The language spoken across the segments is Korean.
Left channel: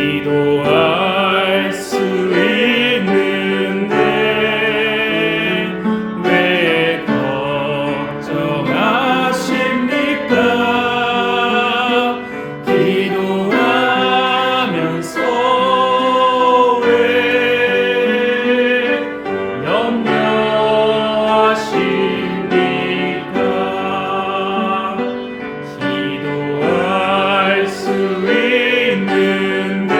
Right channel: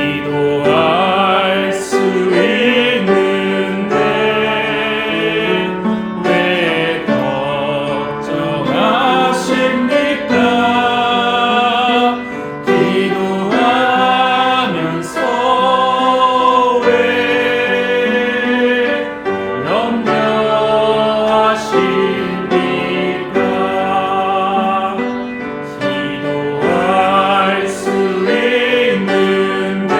기도할 수 있는데 왜 걱정하십니까? 기도하면서 왜 염려하십니까? 기도할 수 있는데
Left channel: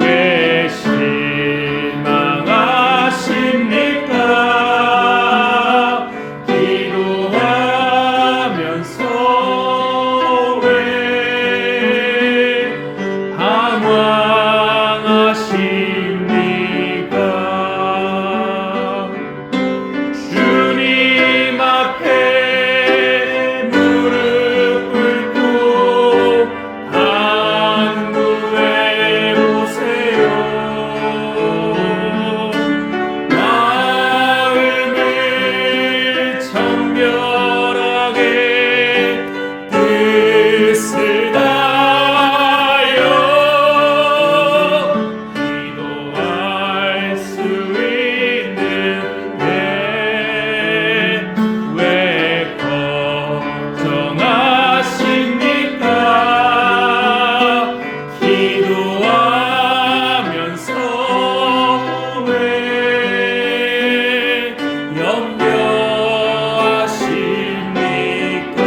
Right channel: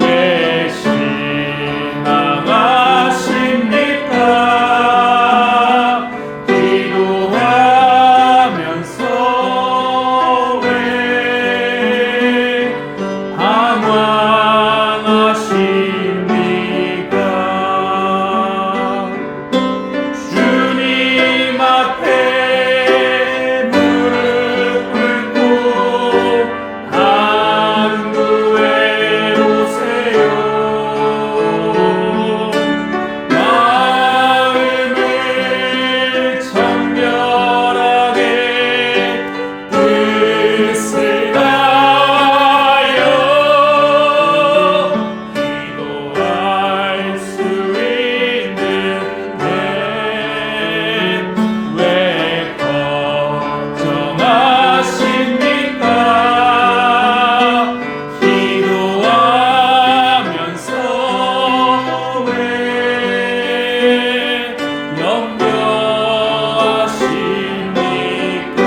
왜 실망하십니까? 기도하면서 왜 방황하십니까? 주님 앞에 무릎 꿇고 간구해 보세요. 마음을 정결하게 뜻을 다하여 기도할 수 있는데 왜 걱정하십니까? 기도하면서 왜 염려하십니까?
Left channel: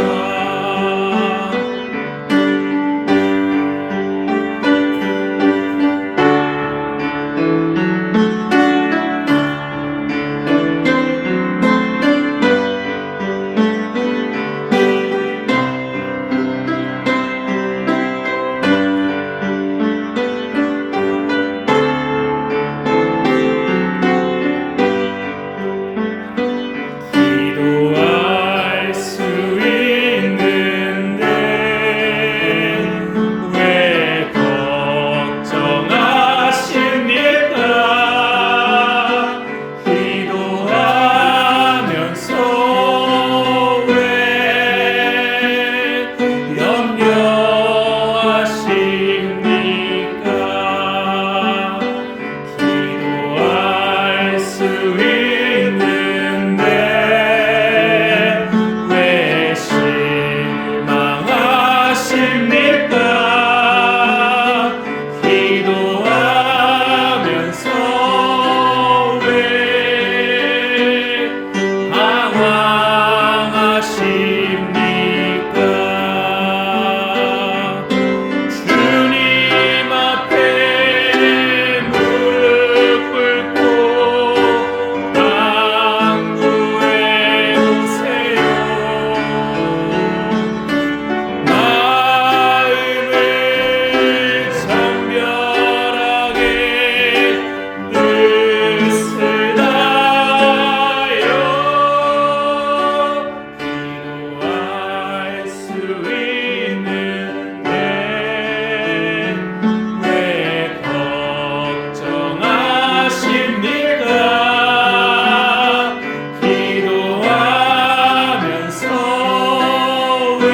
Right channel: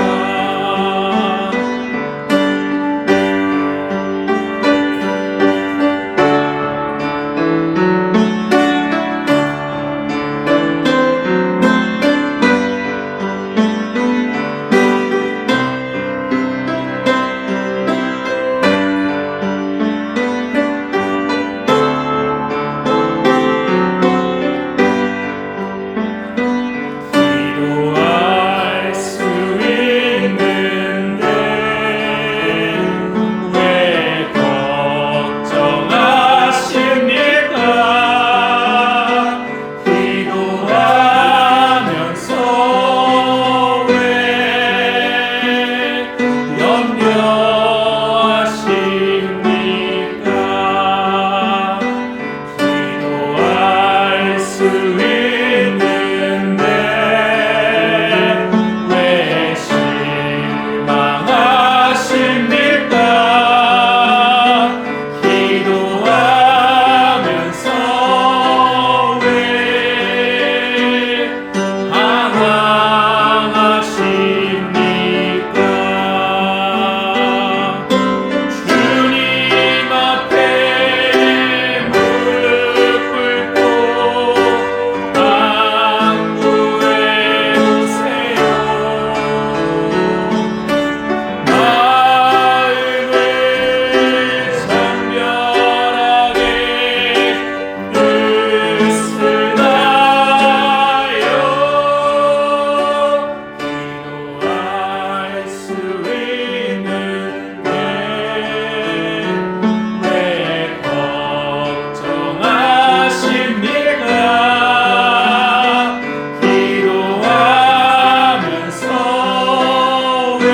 기도할 수 있는데 왜 걱정하십니까? 기도하면서 왜 염려하십니까? 기도할 수 있는데 왜 실망하십니까? 기도하면서 왜 방황하십니까? 주님 앞에 무릎 꿇고 간구해 보세요. 마음을 정결하게 뜻을 다하여 기도할 수 있는데 왜 걱정하십니까? 기도하면서 왜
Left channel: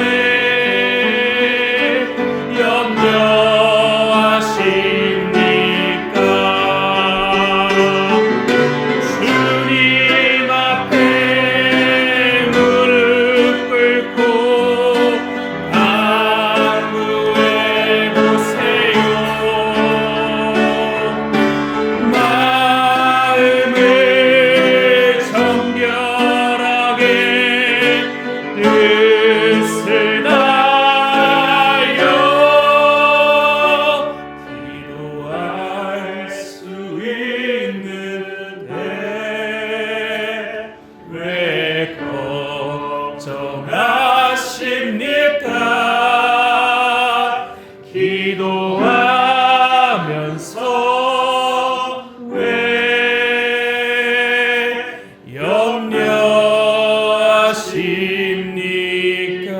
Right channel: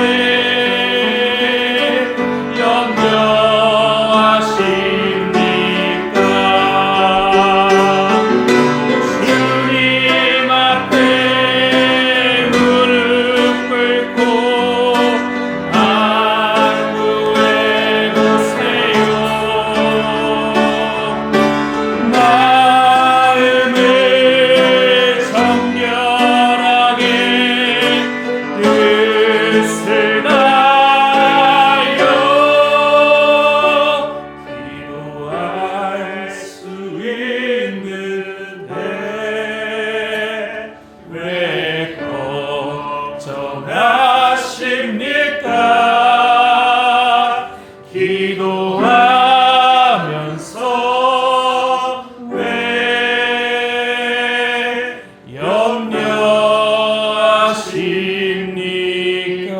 염려하십니까? 주님 앞에 무릎 꿇고 간구해 보세요. 마음을 정결하게 뜻을 다하여 기도할 수 있는데 왜 걱정하십니까? 기도하면서 왜 염려하십니까?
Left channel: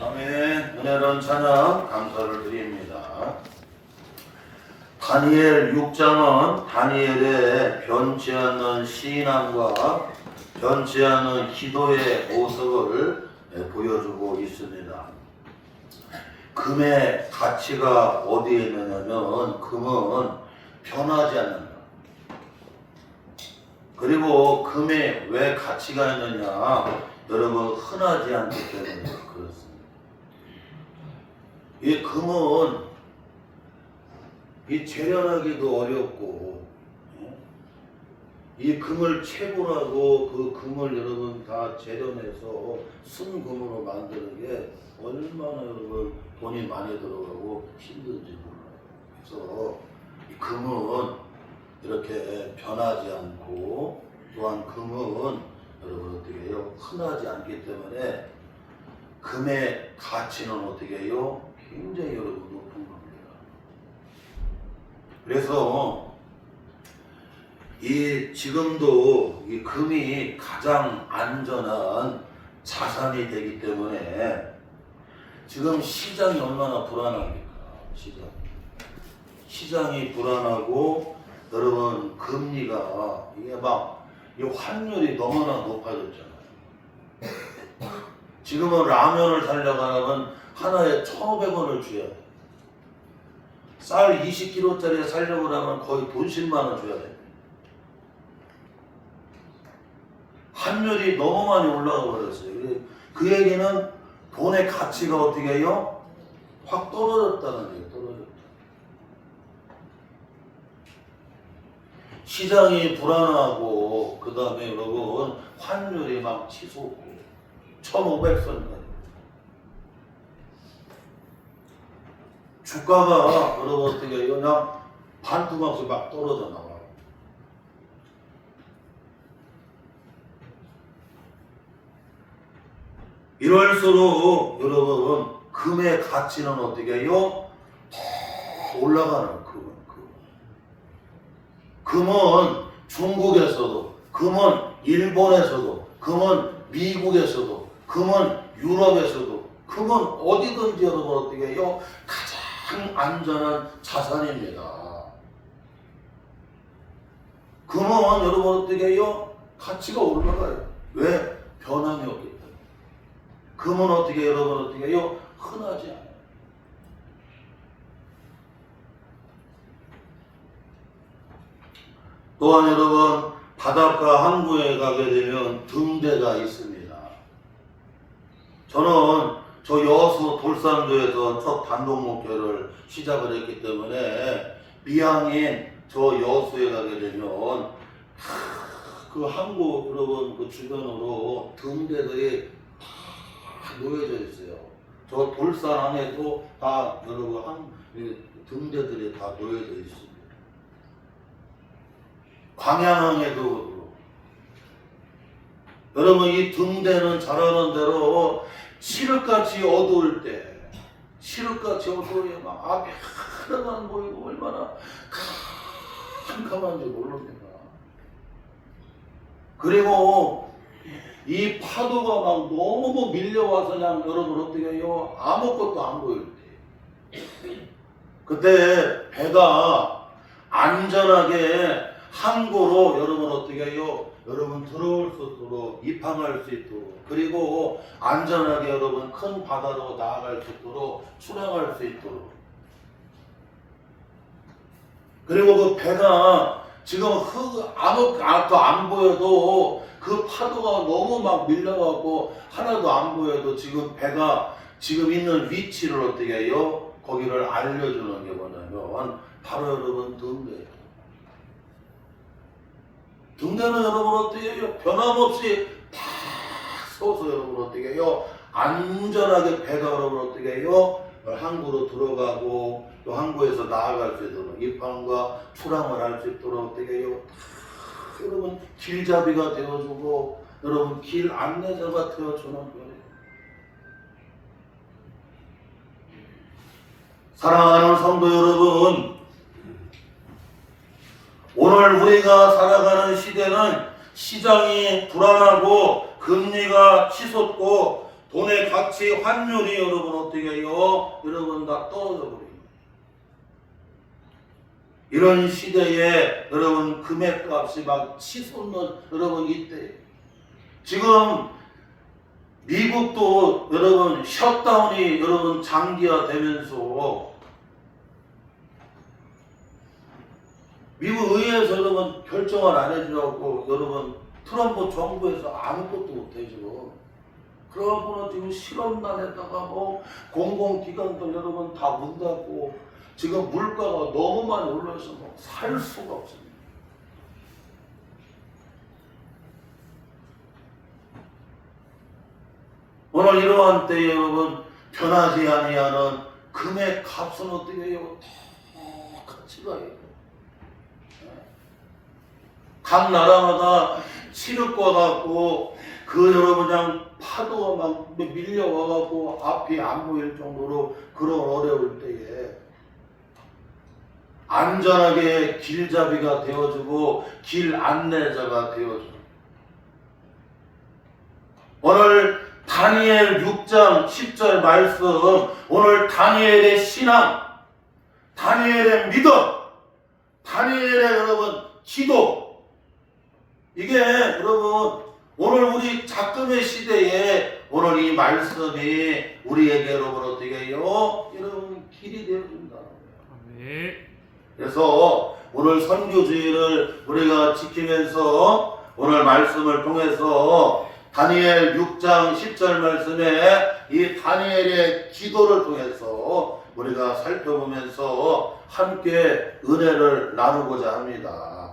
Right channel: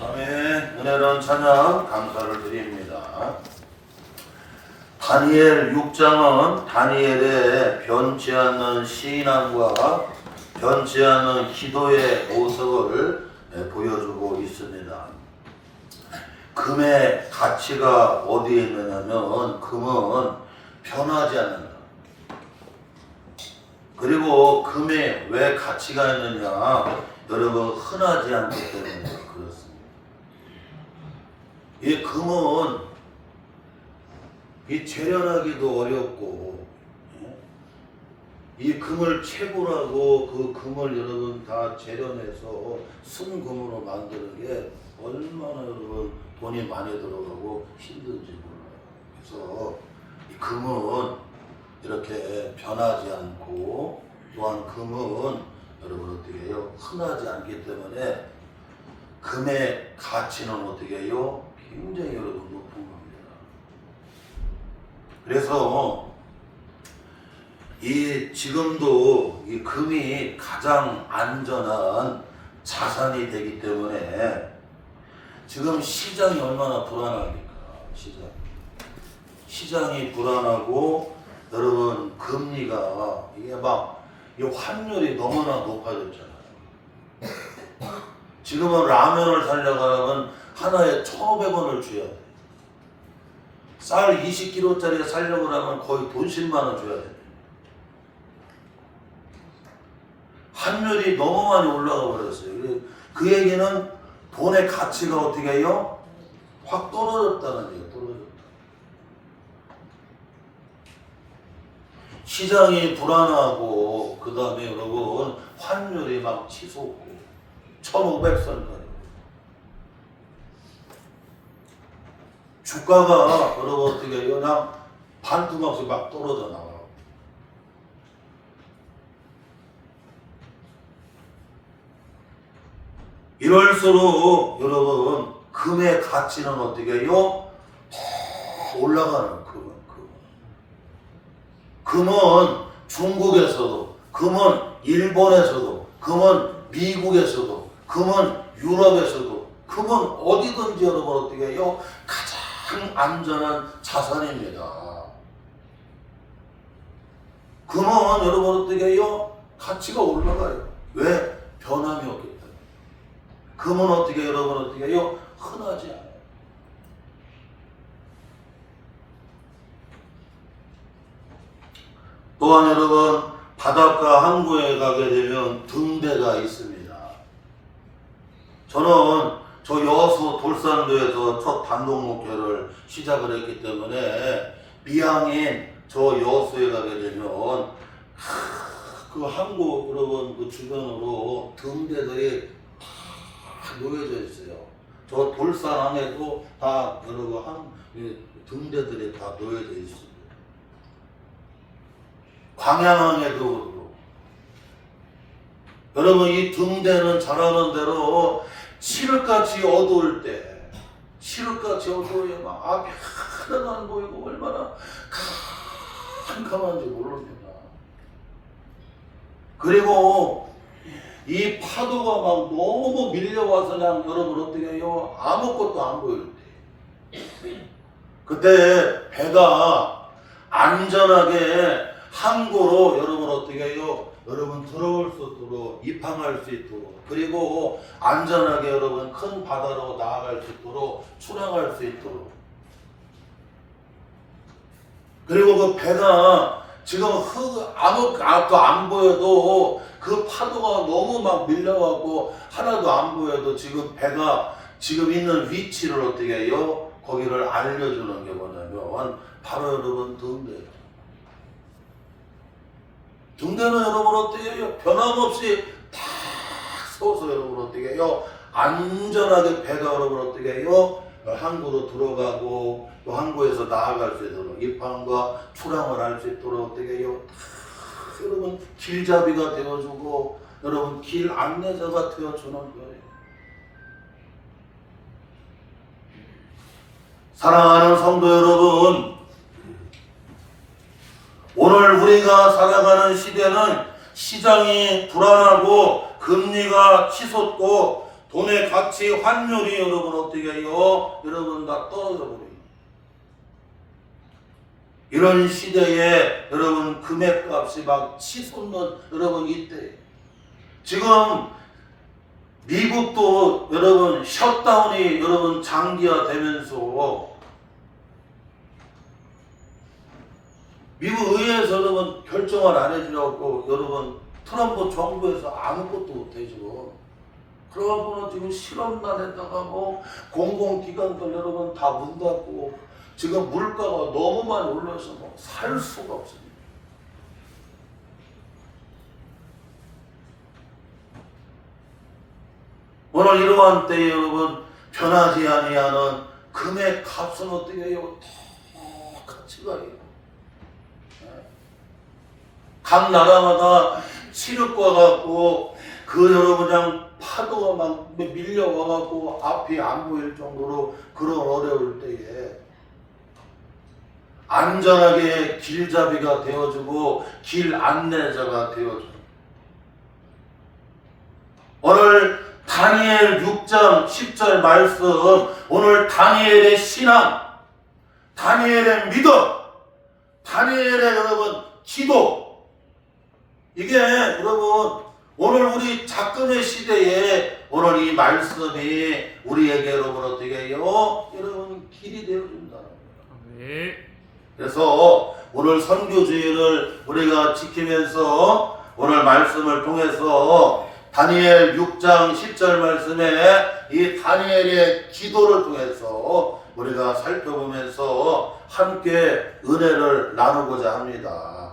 아멘. 은혜로운 찬양 감사를 드립니다. 다니엘 6장은 다니엘의 변치 않는 신앙과 변치 않는 기도의 모습을 있습니다. 금의 가치가 어디에 있느냐면 금은 변하지 않는다. 그리고 금에 왜 가치가 있느냐? 여러분 흔하지 않기 때문에 그렇습니다. 이 금은 이 재련하기도 어렵고 이 금을 채굴하고 그 금을 여러분 다 재련해서 순금으로 만드는 게 얼마나 여러분 돈이 많이 들어가고 힘든지 몰라요. 그래서 이 금은 이렇게 변하지 않고 또한 금은 여러분 어떻게 해요? 흔하지 않기 때문에 금의 가치는 어떻게 해요? 굉장히 여러분 높은 겁니다. 그래서 이 지금도 이 금이 가장 안전한 자산이 되기 때문에 지금 시장이 얼마나 불안합니까? 시장이 불안하고 여러분 금리가 이게 막 이 환율이 너무나 높아졌잖아요. 지금은 라면을 사려고 하면 하나에 1,500원을 줘야 돼. 쌀 20kg짜리 사려고 하면 거의 돈 10만 원 줘야 돼. 환율이 너무 많이 올라가 버렸어요. 그 얘기는 돈의 가치가 어떻게 해요? 확 떨어졌다는 얘기예요. 떨어졌다. 시장이 불안하고 그 다음에 여러분 환율이 막 치솟고 1,500선까지 주가가 여러분 어떻게 해요? 그냥 반토막씩 막 떨어져 나가요. 이럴수록 여러분 금의 가치는 어떻게 해요? 더 올라가는 금은 중국에서도, 금은 일본에서도, 금은 미국에서도, 금은 유럽에서도, 금은 어디든지 여러분 어떻게 해요? 가장 안전한 자산입니다. 금은 여러분 어떻게 해요? 가치가 올라가요. 왜? 변함이 없기 때문에. 금은 어떻게 여러분 어떻게 해요? 흔하지 않아요. 또한 여러분 바닷가 항구에 가게 되면 등대가 있습니다. 저는 저 여수 돌산도에서 첫 단독 목회를 시작을 했기 때문에 미항인 저 여수에 가게 되면 그 항구 여러분 그 주변으로 등대들이 다 놓여져 있어요. 저 돌산 안에도 다 여러분 등대들이 다 놓여져 있습니다. 광양항에도 그렇고 여러분 이 등대는 잘 아는 대로 칠흑같이 어두울 때 칠흑같이 어두워요. 막 앞이 하나도 안 보이고 얼마나 캄캄한지 모릅니다. 그리고 이 파도가 막 너무 밀려와서 그냥 여러분 어떻게 해요? 아무것도 안 보일 때 그때 배가 안전하게 항구로 여러분 어떻게 해요? 여러분 들어올 수 있도록 입항할 수 있도록 그리고 안전하게 여러분 큰 바다로 나아갈 수 있도록 출항할 수 있도록 그리고 그 배가 지금 아무것도 안 보여도 그 파도가 너무 막 밀려가고 하나도 안 보여도 지금 배가 지금 있는 위치를 어떻게 해요? 거기를 알려주는 게 뭐냐면 바로 여러분 등대예요. 등대는 여러분 어떻게 해요? 변함없이 다 서서 여러분 어떻게 해요? 안전하게 배가 여러분 어떻게 해요? 항구로 들어가고 또 항구에서 나아갈 수 있도록 입항과 출항을 할 수 있도록 어떻게 해요? 다 여러분 길잡이가 되어주고 여러분 길 안내자가 되어주는 거예요. 사랑하는 성도 여러분, 오늘 우리가 살아가는 시대는 시장이 불안하고 금리가 치솟고 돈의 가치 환율이 여러분 어떻게 해요? 여러분 다 떨어져 버립니다. 이런 시대에 여러분 금액값이 막 치솟는 여러분 이때 지금 미국도 여러분 셧다운이 여러분 장기화되면서 미국 의회에서 여러분 결정을 안 해주려고 여러분 트럼프 정부에서 아무것도 못해주고 그러고는 지금 실업난에다가 뭐 공공기관들 여러분 다 문 닫고 지금 물가가 너무 많이 올라서 뭐 살 수가 없습니다. 오늘 이러한 때에 여러분 변하지 아니하는 금의 값은 어떻게 해요? 똑같이 가요. 각 나라마다 치르과 갖고 그 여러분 그냥 파도가 막 밀려와갖고 앞이 안 보일 정도로 그런 어려울 때에 안전하게 길잡이가 되어주고 길 안내자가 되어주고 오늘 다니엘 6장 10절 말씀 오늘 다니엘의 신앙 다니엘의 믿음 다니엘의 여러분 기도 이게 여러분 오늘 우리 작금의 시대에 오늘 이 말씀이 우리에게 여러분 어떻게 해요? 여러분 길이 되어준다는 거예요. 아멘. 그래서 오늘 선교주의를 우리가 지키면서 오늘 말씀을 통해서 다니엘 6장 10절 말씀에 이 다니엘의 기도를 통해서 우리가 살펴보면서 함께 은혜를 나누고자 합니다.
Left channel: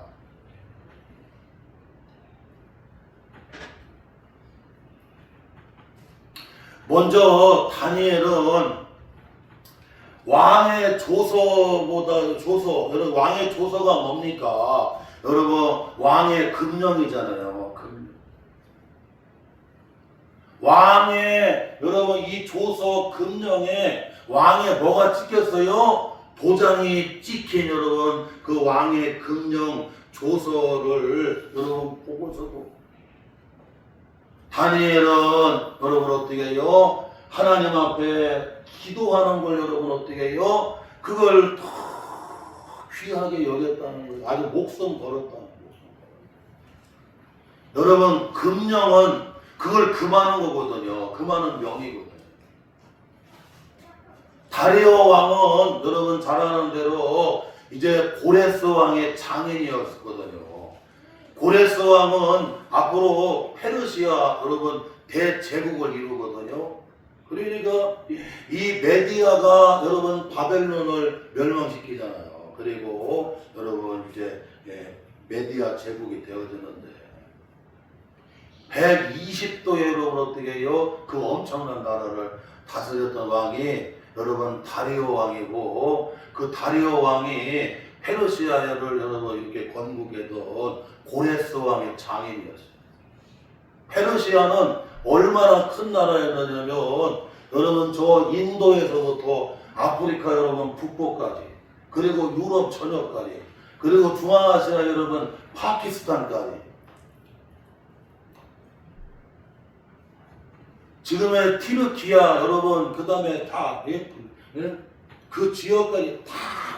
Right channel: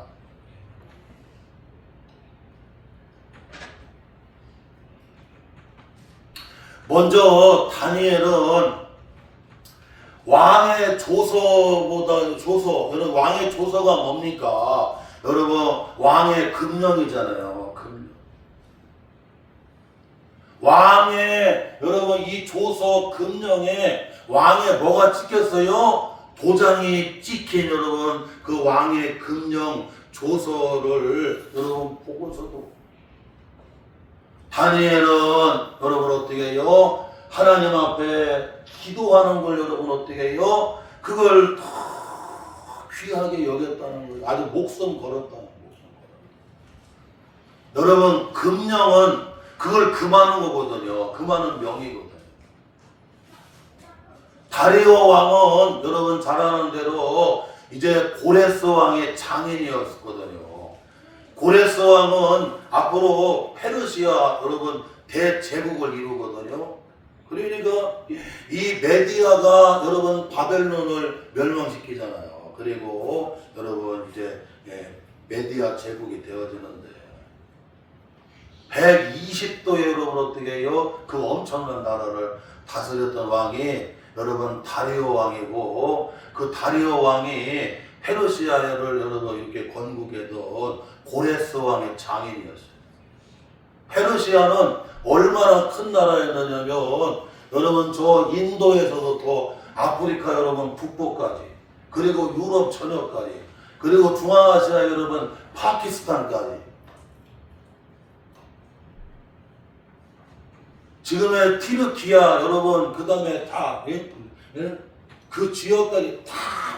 먼저 다니엘은 왕의 여러분 왕의 조서가 뭡니까? 여러분 왕의 금령이잖아요. 금령. 왕의 여러분 이 조서 금령에 왕의 뭐가 찍혔어요? 도장이 찍힌 여러분 그 왕의 금령 조서를 여러분 보고서도 다니엘은 여러분 어떻게 해요? 하나님 앞에 기도하는 걸 여러분 어떻게 해요? 그걸 더 귀하게 여겼다는 거예요. 아주 목숨 걸었다는 거예요. 여러분 금령은 그걸 금하는 거거든요. 금하는 명이거든요. 다리오 왕은 여러분 잘 아는 대로 이제 고레스 왕의 장인이었거든요. 고레스 왕은 앞으로 페르시아 여러분 대제국을 이루거든요. 그러니까 이 메디아가 여러분 바벨론을 멸망시키잖아요. 그리고 여러분 이제 메디아 제국이 되어지는데 120도에 여러분 어떻게 해요? 그 엄청난 나라를 다스렸던 왕이 여러분 다리오 왕이고 그 다리오 왕이 페르시아를 여러분 이렇게 건국했던 고레스 왕의 장인이었어요. 페르시아는 얼마나 큰 나라였느냐면 여러분 저 인도에서부터 아프리카 여러분 북부까지 그리고 유럽 전역까지 그리고 중앙아시아 여러분 파키스탄까지 지금의 티르키아 여러분 그 다음에 다 그 지역까지 다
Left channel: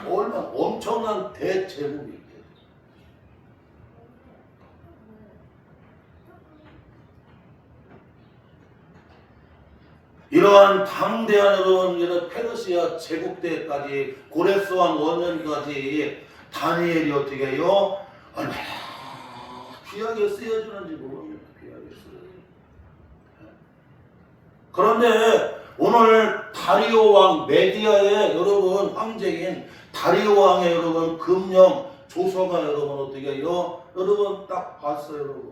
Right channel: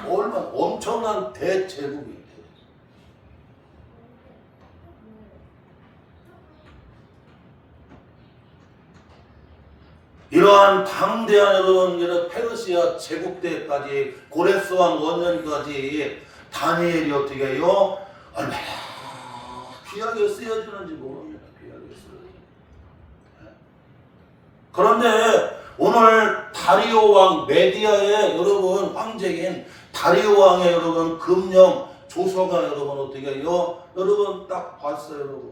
얼마나 엄청난 대제국이 있대요. 이러한 방대한 여러분 이런 페르시아 제국 때까지 고레스 왕 원년까지 다니엘이 어떻게 해요? 얼마나 귀하게 쓰여주는지 모릅니다. 귀하게 쓰여주는. 그런데 오늘 다리오 왕 메디아의 여러분 황제인 다리오 왕의 여러분 금령 조서가 여러분 어떻게 해요? 여러분 딱 봤어요, 여러분.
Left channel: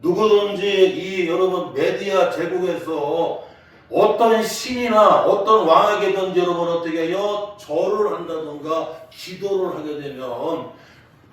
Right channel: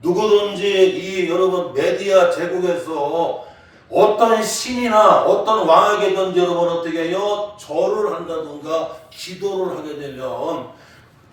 누구든지 이 여러분 메디아 제국에서 어떤 신이나 어떤 왕에게든지 여러분 어떻게 해요? 절을 한다든가 기도를 하게 되면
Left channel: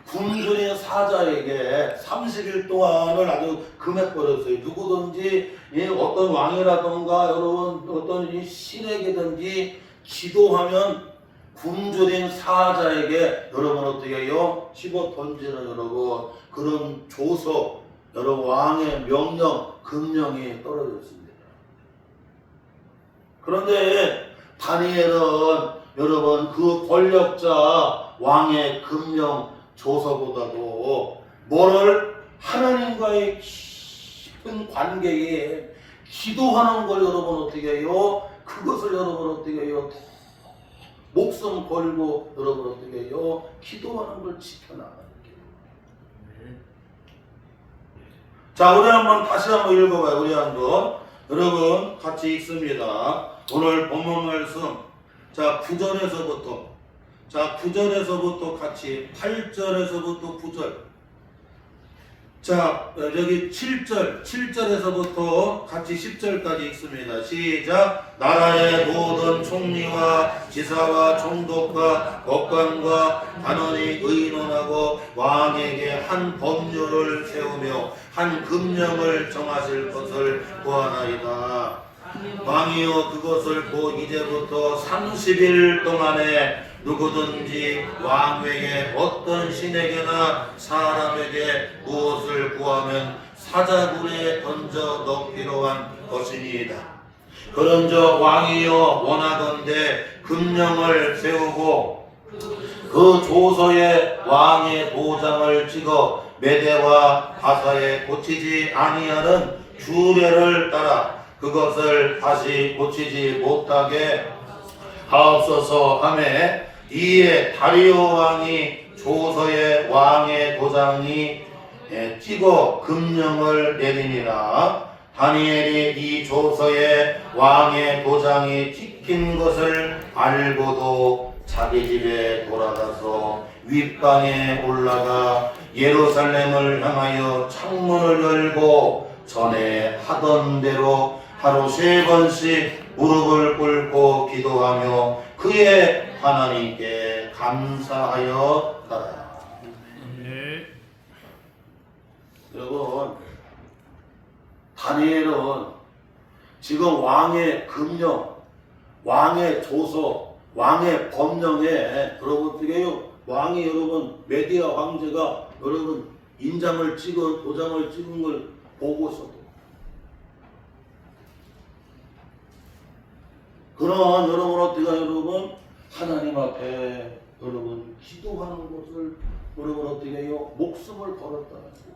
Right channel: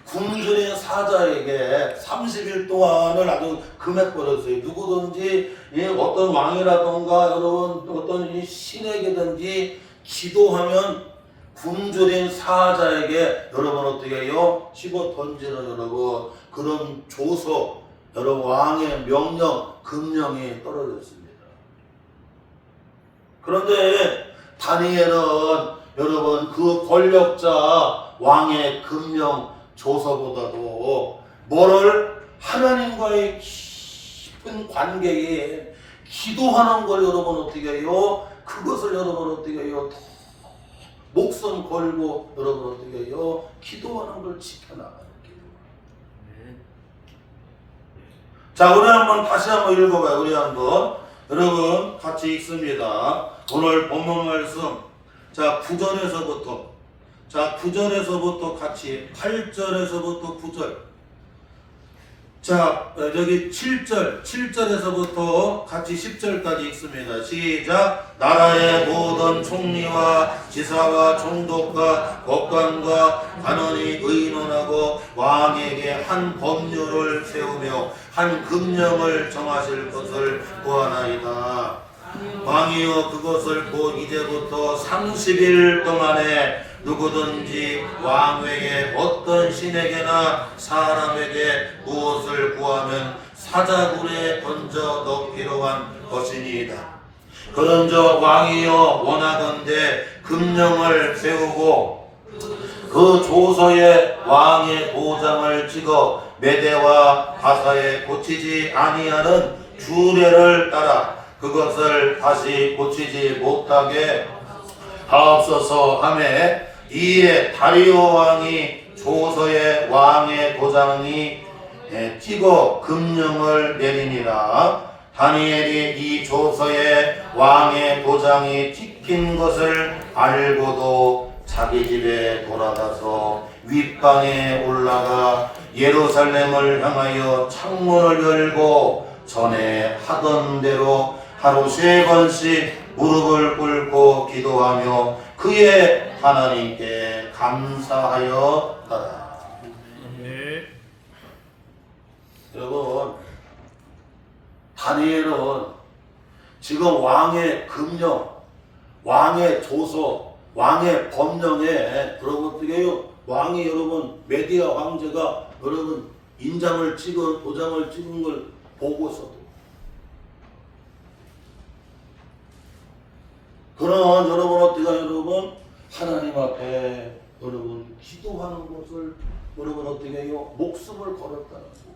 굶주린 사자에게 30일 동안을 아주 금해버렸어요. 누구든지 어떤 왕이라든가 여러분 어떤 이 신에게든지 기도하면 굶주린 사자에게 여러분 어떻게 해요? 집어 던지는 여러분 그런 조서 여러분 왕의 명령 금령이 떨어졌습니다. 그런데 다니엘은 여러분 그 권력자 왕의 금령 조서보다도 뭐를 하나님과의 깊은 관계에 기도하는 걸 여러분 어떻게 해요? 그것을 여러분 어떻게 해요? 목숨 걸고 여러분 어떻게 해요? 기도하는 걸 지켜나가는 길. 자, 우리 한번 다시 한번 읽어봐요. 우리 한번 여러분 같이 읽습니다. 오늘 본문 말씀. 자, 9절에서부터 자, 9절에서부터 같이 8절에서부터 9절. 자, 여기 7절에서부터 같이 10절까지 읽습니다. 시작. 나라의 모든 총리와 지사와 총독과 법관과 단원이 의논하고 왕에게 한 법률을 세우며 한 금령을 정하실 것을 구하나이다. 왕이여 그것을 곧 이제부터 30일 동안에 누구든지 왕에게 어떤 신에게나 사람에게 무엇을 구하면 사자굴에 던져 넣기로 한 것이니이다. 그런저 왕이여 원하건대 금령을 세우고 그 조서에 왕의 도장을 찍어 메대와 바사에 고치지 아니하는 규례를 따라 그것을 다시 고치지 못하게 하옵소서 하매 이에 다리오 왕이 조서에 왕의 도장이 찍어 금령을 내리니라. 다니엘이 이 조서에 왕의 도장이 찍힌 것을 알고도 자기 집에 돌아가서 윗방에 올라가 예루살렘을 향하여 창문을 열고 전에 하던 대로 하루 3번씩 무릎을 꿇고 기도하며 그의 하나님께 감사하였다. 네. 여러분, 다니엘은 지금 왕의 금령, 왕의 조서, 왕의 법령에 여러분 어떻게 해요? 왕이 여러분 메디아 황제가 여러분 인장을 찍은 도장을 찍은 걸 보고서도 그런 여러분 어떻게 여러분 하나님 앞에 여러분 기도하는 것을 여러분 어떻게 해요? 목숨을 걸었다는 거죠.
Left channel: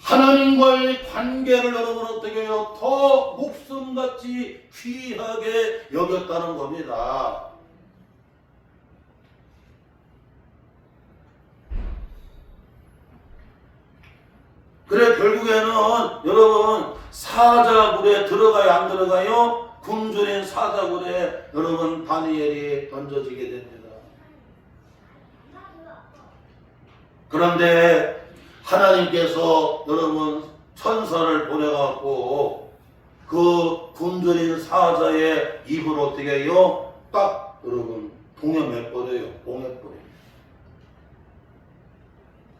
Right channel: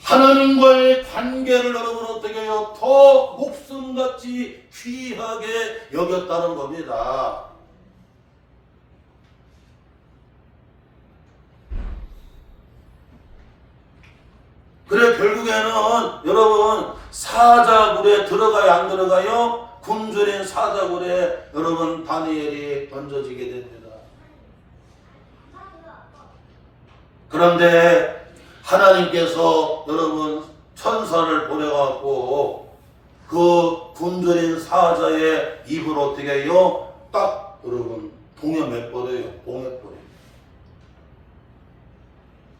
하나님과의 관계를 여러분 어떻게 해요? 더 목숨같이 귀하게 여겼다는 겁니다. 그래 결국에는 여러분 사자굴에 들어가야 안 들어가요? 굶주린 사자굴에 여러분 다니엘이 던져지게 됩니다. 그런데 하나님께서 여러분 천사를 보내갖고 그 굶주린 사자의 입을 어떻게 해요? 딱 여러분 동여매버려요. 봉해버려요.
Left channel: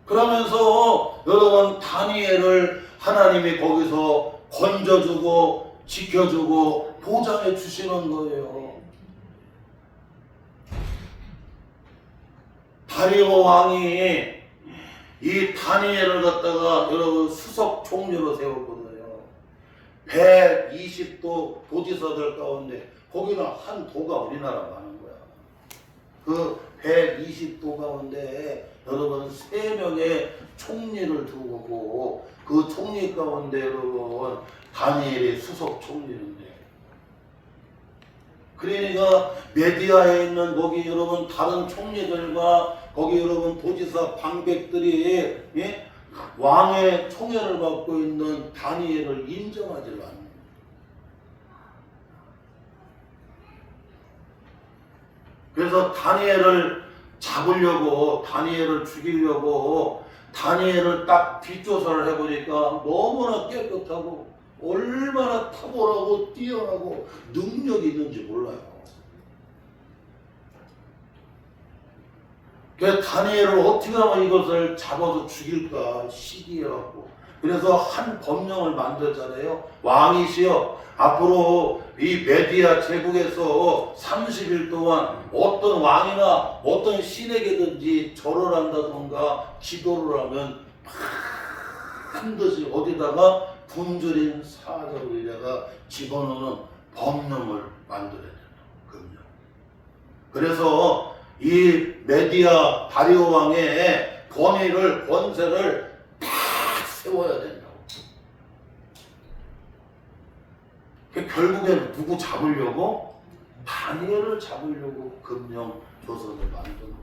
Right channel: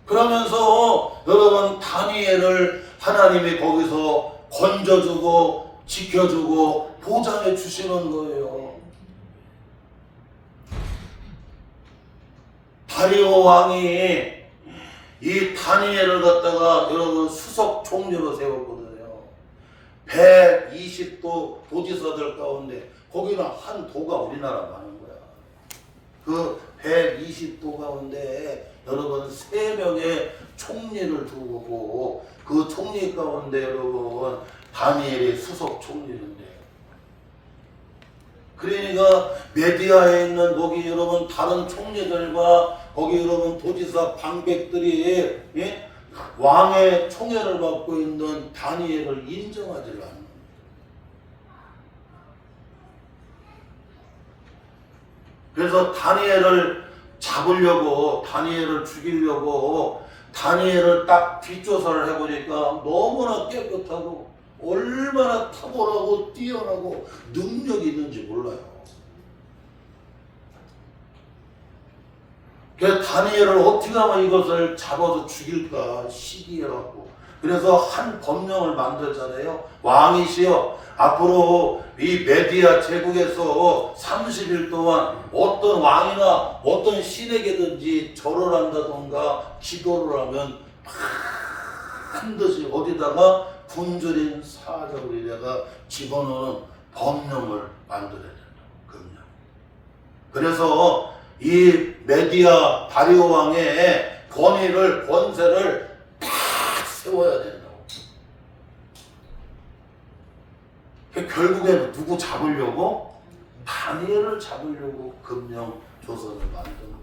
그러면서 여러분 다니엘을 하나님이 거기서 건져주고 지켜주고 보장해 주시는 거예요. 다리오 왕이 이 다니엘을 갖다가 여러분 수석 총리로 세웠거든요. 120도 도지사들 가운데 거기는 한 도가 우리나라 많은 거야. 그 120도 가운데 여러분 3명의 총리를 두고 그 총리 가운데 여러분 다니엘이 수석 총리인데 그러니까 메디아에 있는 거기 여러분 다른 총리들과 거기 여러분 도지사 방백들이 예? 왕의 총애를 받고 있는 다니엘을 인정하지 않는 거예요. 그래서 다니엘을 잡으려고 다니엘을 죽이려고 다니엘을 딱 뒷조사를 해보니까 너무나 깨끗하고 얼마나 탁월하고 뛰어나고 능력이 있는지 몰라요. 그래서 다니엘을 어떻게 하면 이것을 잡아서 죽일까 시기해갖고 그래서 한 법령을 만들잖아요. 왕이시여 앞으로 이 메디아 제국에서 30일 동안 어떤 왕이나 어떤 신에게든지 절을 한다던가 기도를 하면 반드시 어디다가 굶주린 사자굴에다가 집어넣는 법령을 만들어야 된다. 금령. 그래서 이 메디아 다리오 왕의 권세를 딱 세워야 된다고. 결국에는 누구 잡으려고? 다니엘을 잡으려고 금령 조선을 만든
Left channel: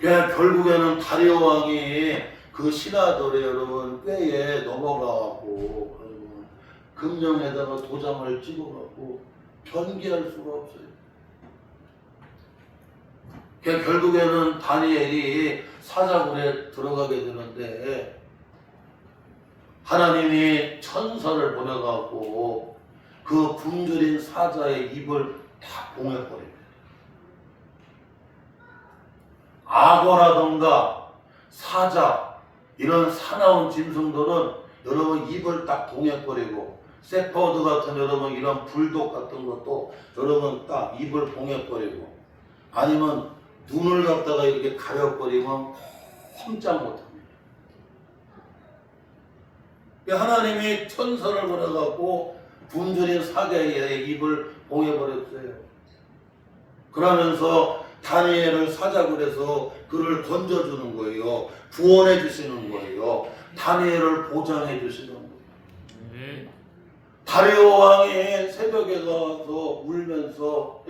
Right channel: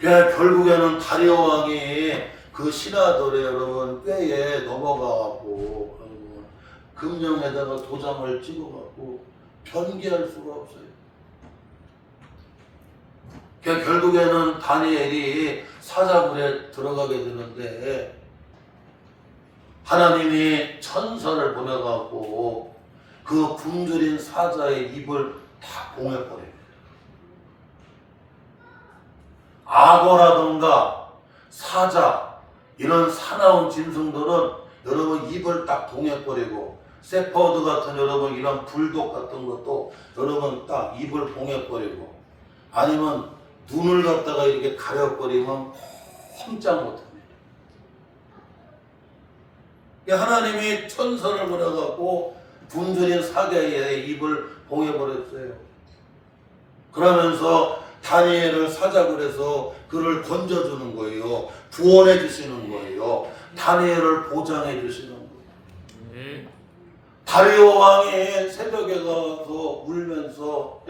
거예요. 결국에는 다리오 왕이 그 신하들의 여러분 꾀에 넘어가고 금령에다가 도장을 찍어갖고 변기할 수가 없어요. 결국에는 다니엘이 사자굴에 들어가게 되는데 하나님이 천사를 보내갖고 그 굶주린 사자의 입을 다 봉해버립니다. 악어라던가 사자 이런 사나운 짐승들은 여러분 입을 딱 봉해버리고 세퍼드 같은 여러분 이런 불독 같은 것도 여러분 딱 입을 봉해버리고 아니면 눈을 갖다가 이렇게 가려버리면 꼼짝 못합니다. 하나님이 천사를 보내갖고 굶주린 사자의 입을 봉해버렸어요. 그러면서 다니엘을 사자굴에서 그를 건져주는 거예요. 구원해 주시는 거예요. 다니엘을 보장해 주시는 거예요. 다리오 왕이 새벽에 가서 울면서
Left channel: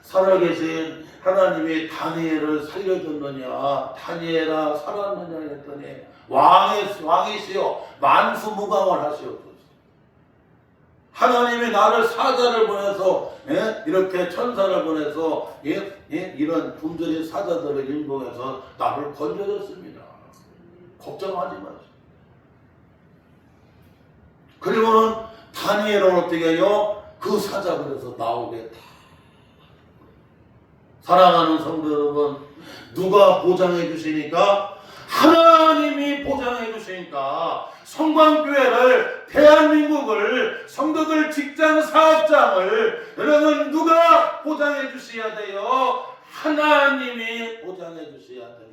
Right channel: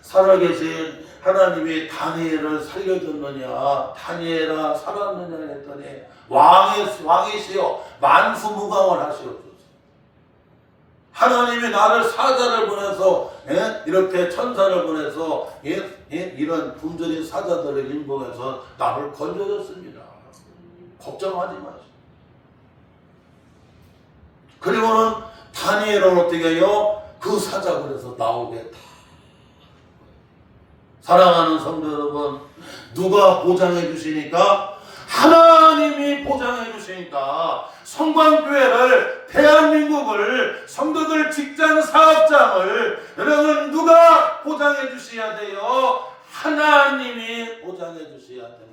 살아계신 하나님이 다니엘을 살려줬느냐, 다니엘아 살았느냐 했더니 왕이시여 만수무강을 하시옵소서. 하나님이 나를 사자를 보내서 이렇게 천사를 보내서 이런 굶주린 사자들을 인봉해서 나를 건져줬습니다. 걱정하지 마세요. 그리고는 다니엘은 어떻게 해요? 그 사자굴에서 나오게 다. 사랑하는 성도 여러분, 누가 보장해 주시니까? 하나님이 보장해 주시니까 성광교회를, 대한민국을, 성도들 직장 사업장을 여러분 누가 보장해 주셔야 돼요? 하나님이 보장해 주셔야 됩니다.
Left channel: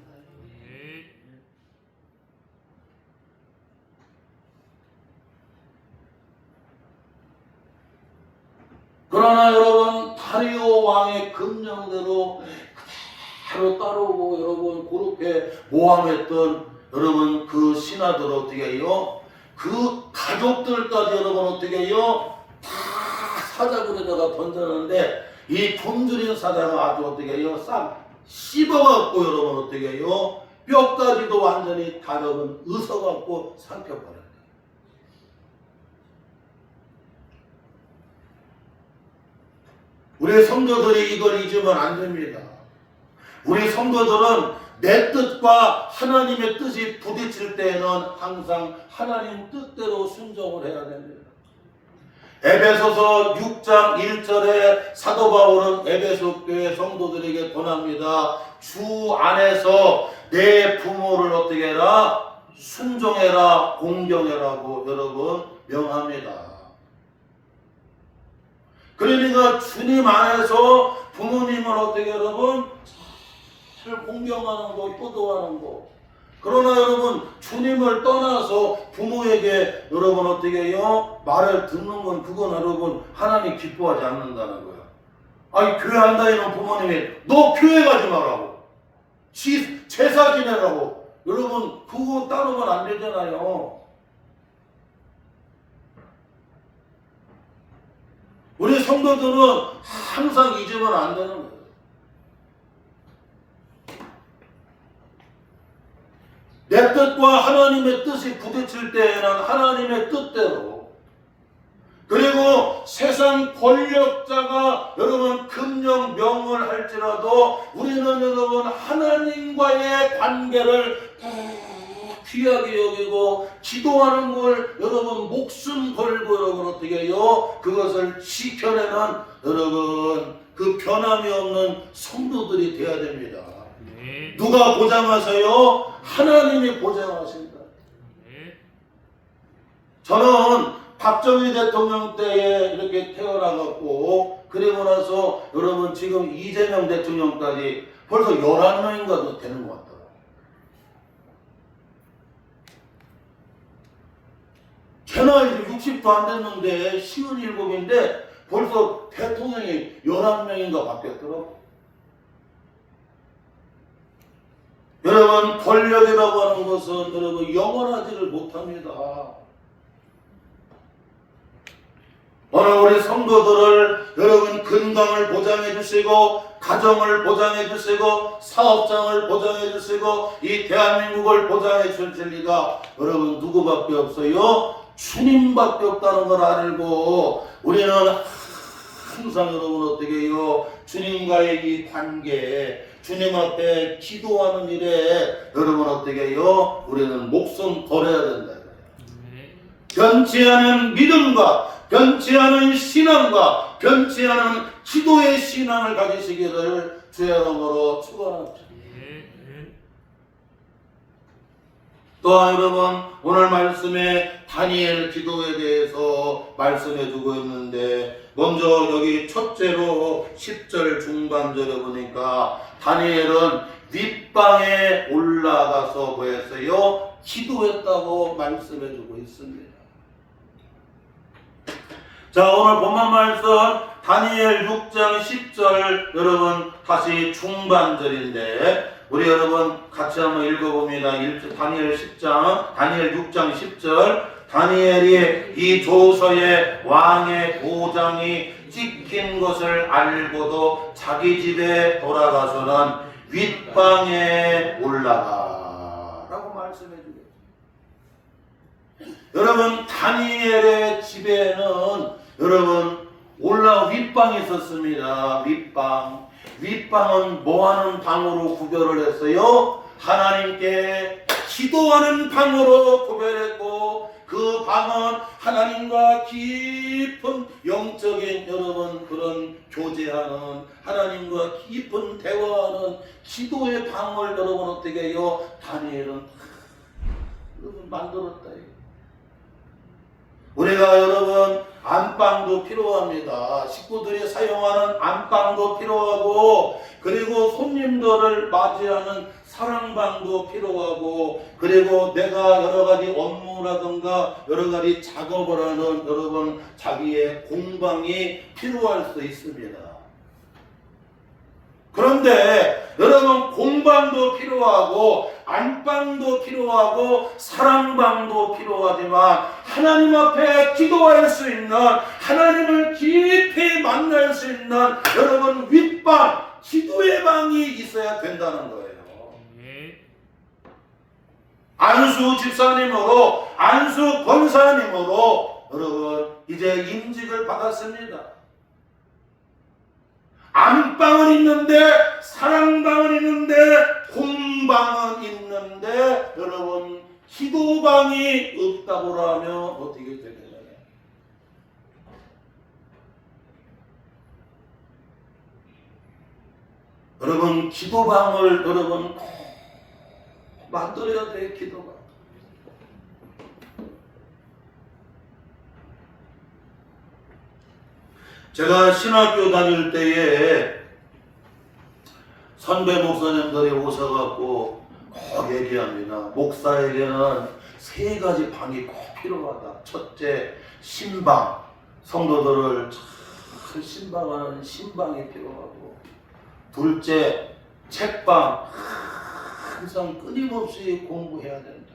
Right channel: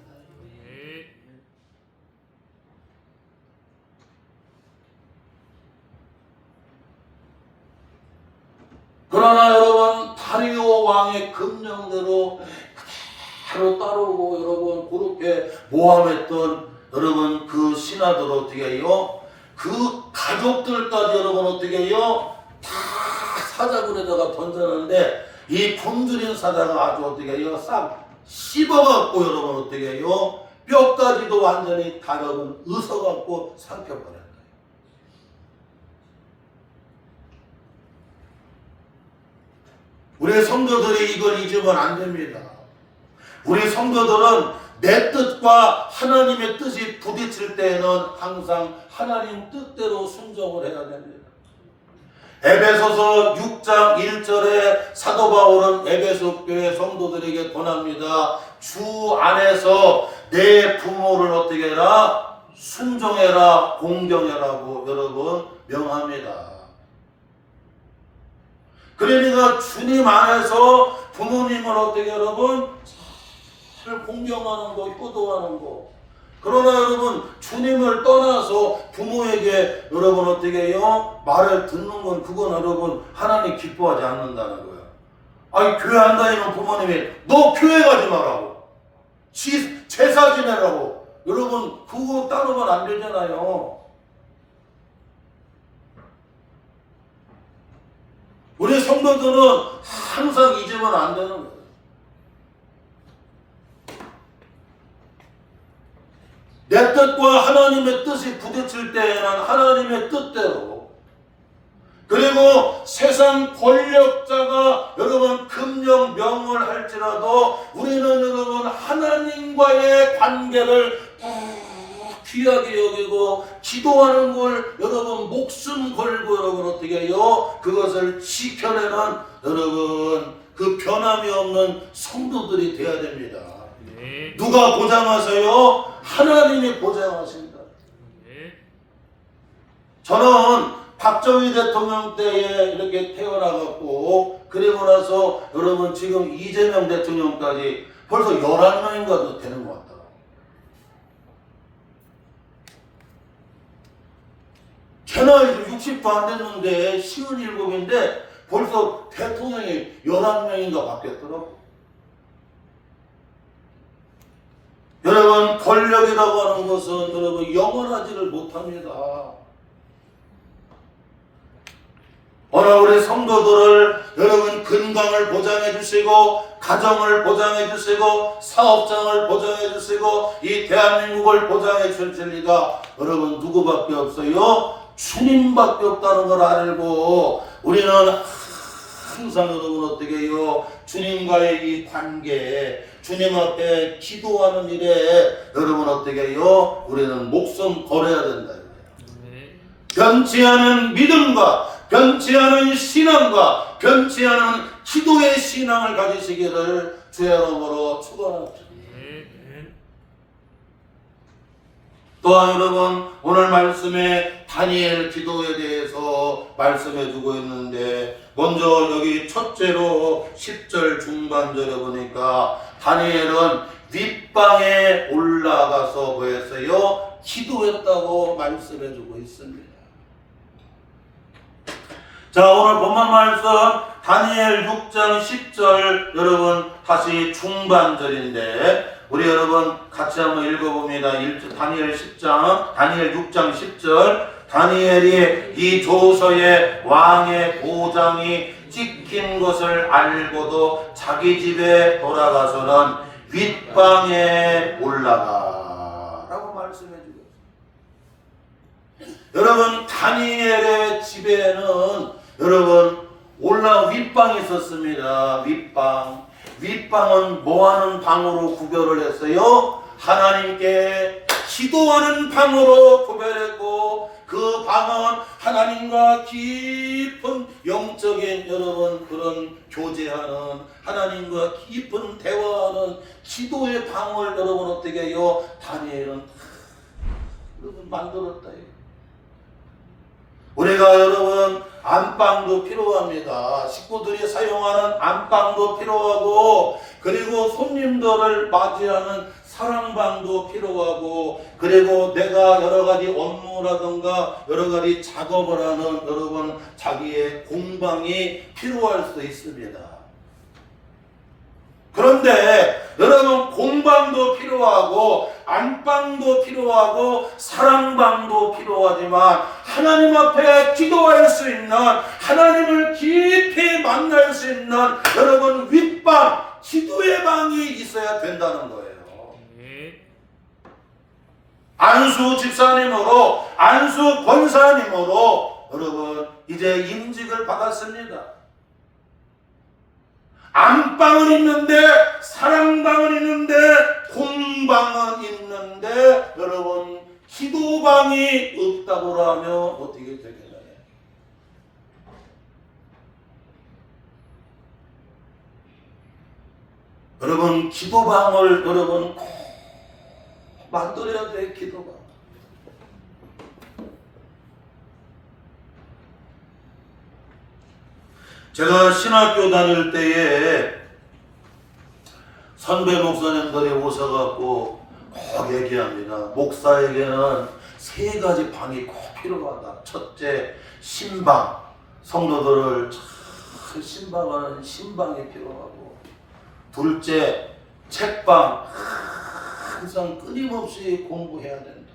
그러나 여러분 다리오 왕의 금령대로 그대로 따르고 여러분 그렇게 모함했던 여러분 그 신하들 어떻게 해요? 그 가족들까지 여러분 어떻게 해요? 다 사자굴에다가 던졌는데 이 굶주린 사자가 아주 어떻게 해요? 싹 씹어갖고 여러분 어떻게 해요? 뼈까지도 완전히 다 여러분 으서갖고 삼켜버려요. 우리 성도들이 이걸 잊으면 안 됩니다. 우리 성도들은 내 뜻과 하나님의 뜻이 부딪힐 때에는 항상 하나님 뜻대로 순종을 해야 됩니다. 에베소서 6장 1절에 사도 바울은 에베소 교회 성도들에게 권합니다. 주 안에서 내 부모를 어떻게 해라? 순종해라, 공경해라고 여러분 명합니다. 그러니까 주님 안에서 부모님을 어떻게 여러분 잘 공경하는 거, 효도하는 거. 그러나 여러분 주님을 떠나서 부모에게 여러분 어떻게 해요? 말을 듣는 건 그건 여러분 하나님 기뻐하지 않는다는 거야. 아니 교회 안 다니는 부모님이 너 교회 가지 말라고, 제사 지내라고. 여러분 그거 따르면 안 되잖아요. 우리 성도들은 항상 잊으면 안 되는 거예요. 내 뜻과 하나님의 뜻이 부딪힐 때에는 하나님의 뜻대로, 그리고 세상 권력자가 여러분 금령 명을 할지라도 우리는 여러분 하나님과의 관계를 귀하게 여기고 기도하는 걸 여러분 목숨 걸고 여러분 어떻게 해요? 그것을 지켜내는 여러분 그 변함이 없는 성도들이 되어야 됩니다. 네. 누가 보장하세요? 하나님이 보장하신다. 네. 저는 박정희 대통령 때에 이렇게 태어나갖고 그리고 나서 여러분 지금 이재명 대통령까지 벌써 11명인가도 되는 것 같아요. 제 나이도 60도 안 됐는데 57인데 벌써 대통령이 11명인가 바뀌었더라고. 여러분, 권력이라고 하는 것은 여러분 영원하지를 못합니다. 오늘 우리 성도들을 여러분 건강을 보장해 주시고, 가정을 보장해 주시고, 사업장을 보장해 주시고, 이 대한민국을 보장해 주실 리가 여러분 누구밖에 없어요? 주님밖에 없다는 걸 알고, 우리는 항상 여러분 어떻게 해요? 주님과의 이 관계, 주님 앞에 기도하는 일에 여러분 어떻게 해요? 우리는 목숨 걸어야 된다. 변치 않은 믿음과 변치 않은 신앙과 변치 않은 기도의 신앙을 가지시기를 주의 이름으로 축원합니다. 또한 여러분, 오늘 말씀에 다니엘 기도에 대해서 말씀해 주고 있는데, 먼저 여기 첫째로 10절 중반절에 보니까 다니엘은 윗방에 올라가서 뭐했어요? 기도했다고 말씀해 주고 있습니다. 자, 오늘 본문 말씀 다니엘 6장 10절 여러분 다시 중반절인데 우리 여러분 같이 한번 읽어봅니다. 다니엘 6장 10절. 다니엘이 이 조서에 왕의 도장이 찍힌 것을 알고도 자기 집에 돌아가서는 윗방에 올라가 라고 말씀해 주고 있습니다. 여러분, 다니엘의 집에는 여러분 윗방이 있었습니다. 윗방은 뭐하는 방으로 구별을 했어요? 하나님께 기도하는 방으로 구별했고, 그 방은 하나님과 깊은 영적인 여러분 그런 교제하는, 하나님과 깊은 대화하는 기도의 방을 여러분 어떻게 해요? 다니엘은 여러분 만들었다. 우리가 여러분 안방도 필요합니다. 식구들이 사용하는 안방도 필요하고, 그리고 손님들을 맞이하는 사랑방도 필요하고, 그리고 내가 여러 가지 업무라든가 여러 가지 작업을 하는 여러분 자기의 공방이 필요할 수 있습니다. 그런데 여러분 공방도 필요하고 안방도 필요하고 사랑방도 필요하지만 하나님 앞에 기도할 수 있는, 하나님을 깊이 만날 수 있는 여러분 윗방, 기도의 방이 있어야 된다는 거예요. 안수 집사님으로, 안수 권사님으로 여러분 이제 임직을 받았습니다. 안방은 있는데, 사랑방은 있는데, 공방은 있는데 여러분 기도방이 없다고 하면 어떻게 되겠나요? 여러분 기도방을 여러분 꼭 만들어야 돼요. 기도방. 제가 신학교 다닐 때에 선배 목사님들이 오셔갖고 꼭 얘기합니다. 목사에게는 3가지 방이 꼭 필요하다. 첫째, 신방. 성도들을 잘 신방하는 신방이 필요하고, 둘째, 책방. 항상 끊임없이 공부해야 된다.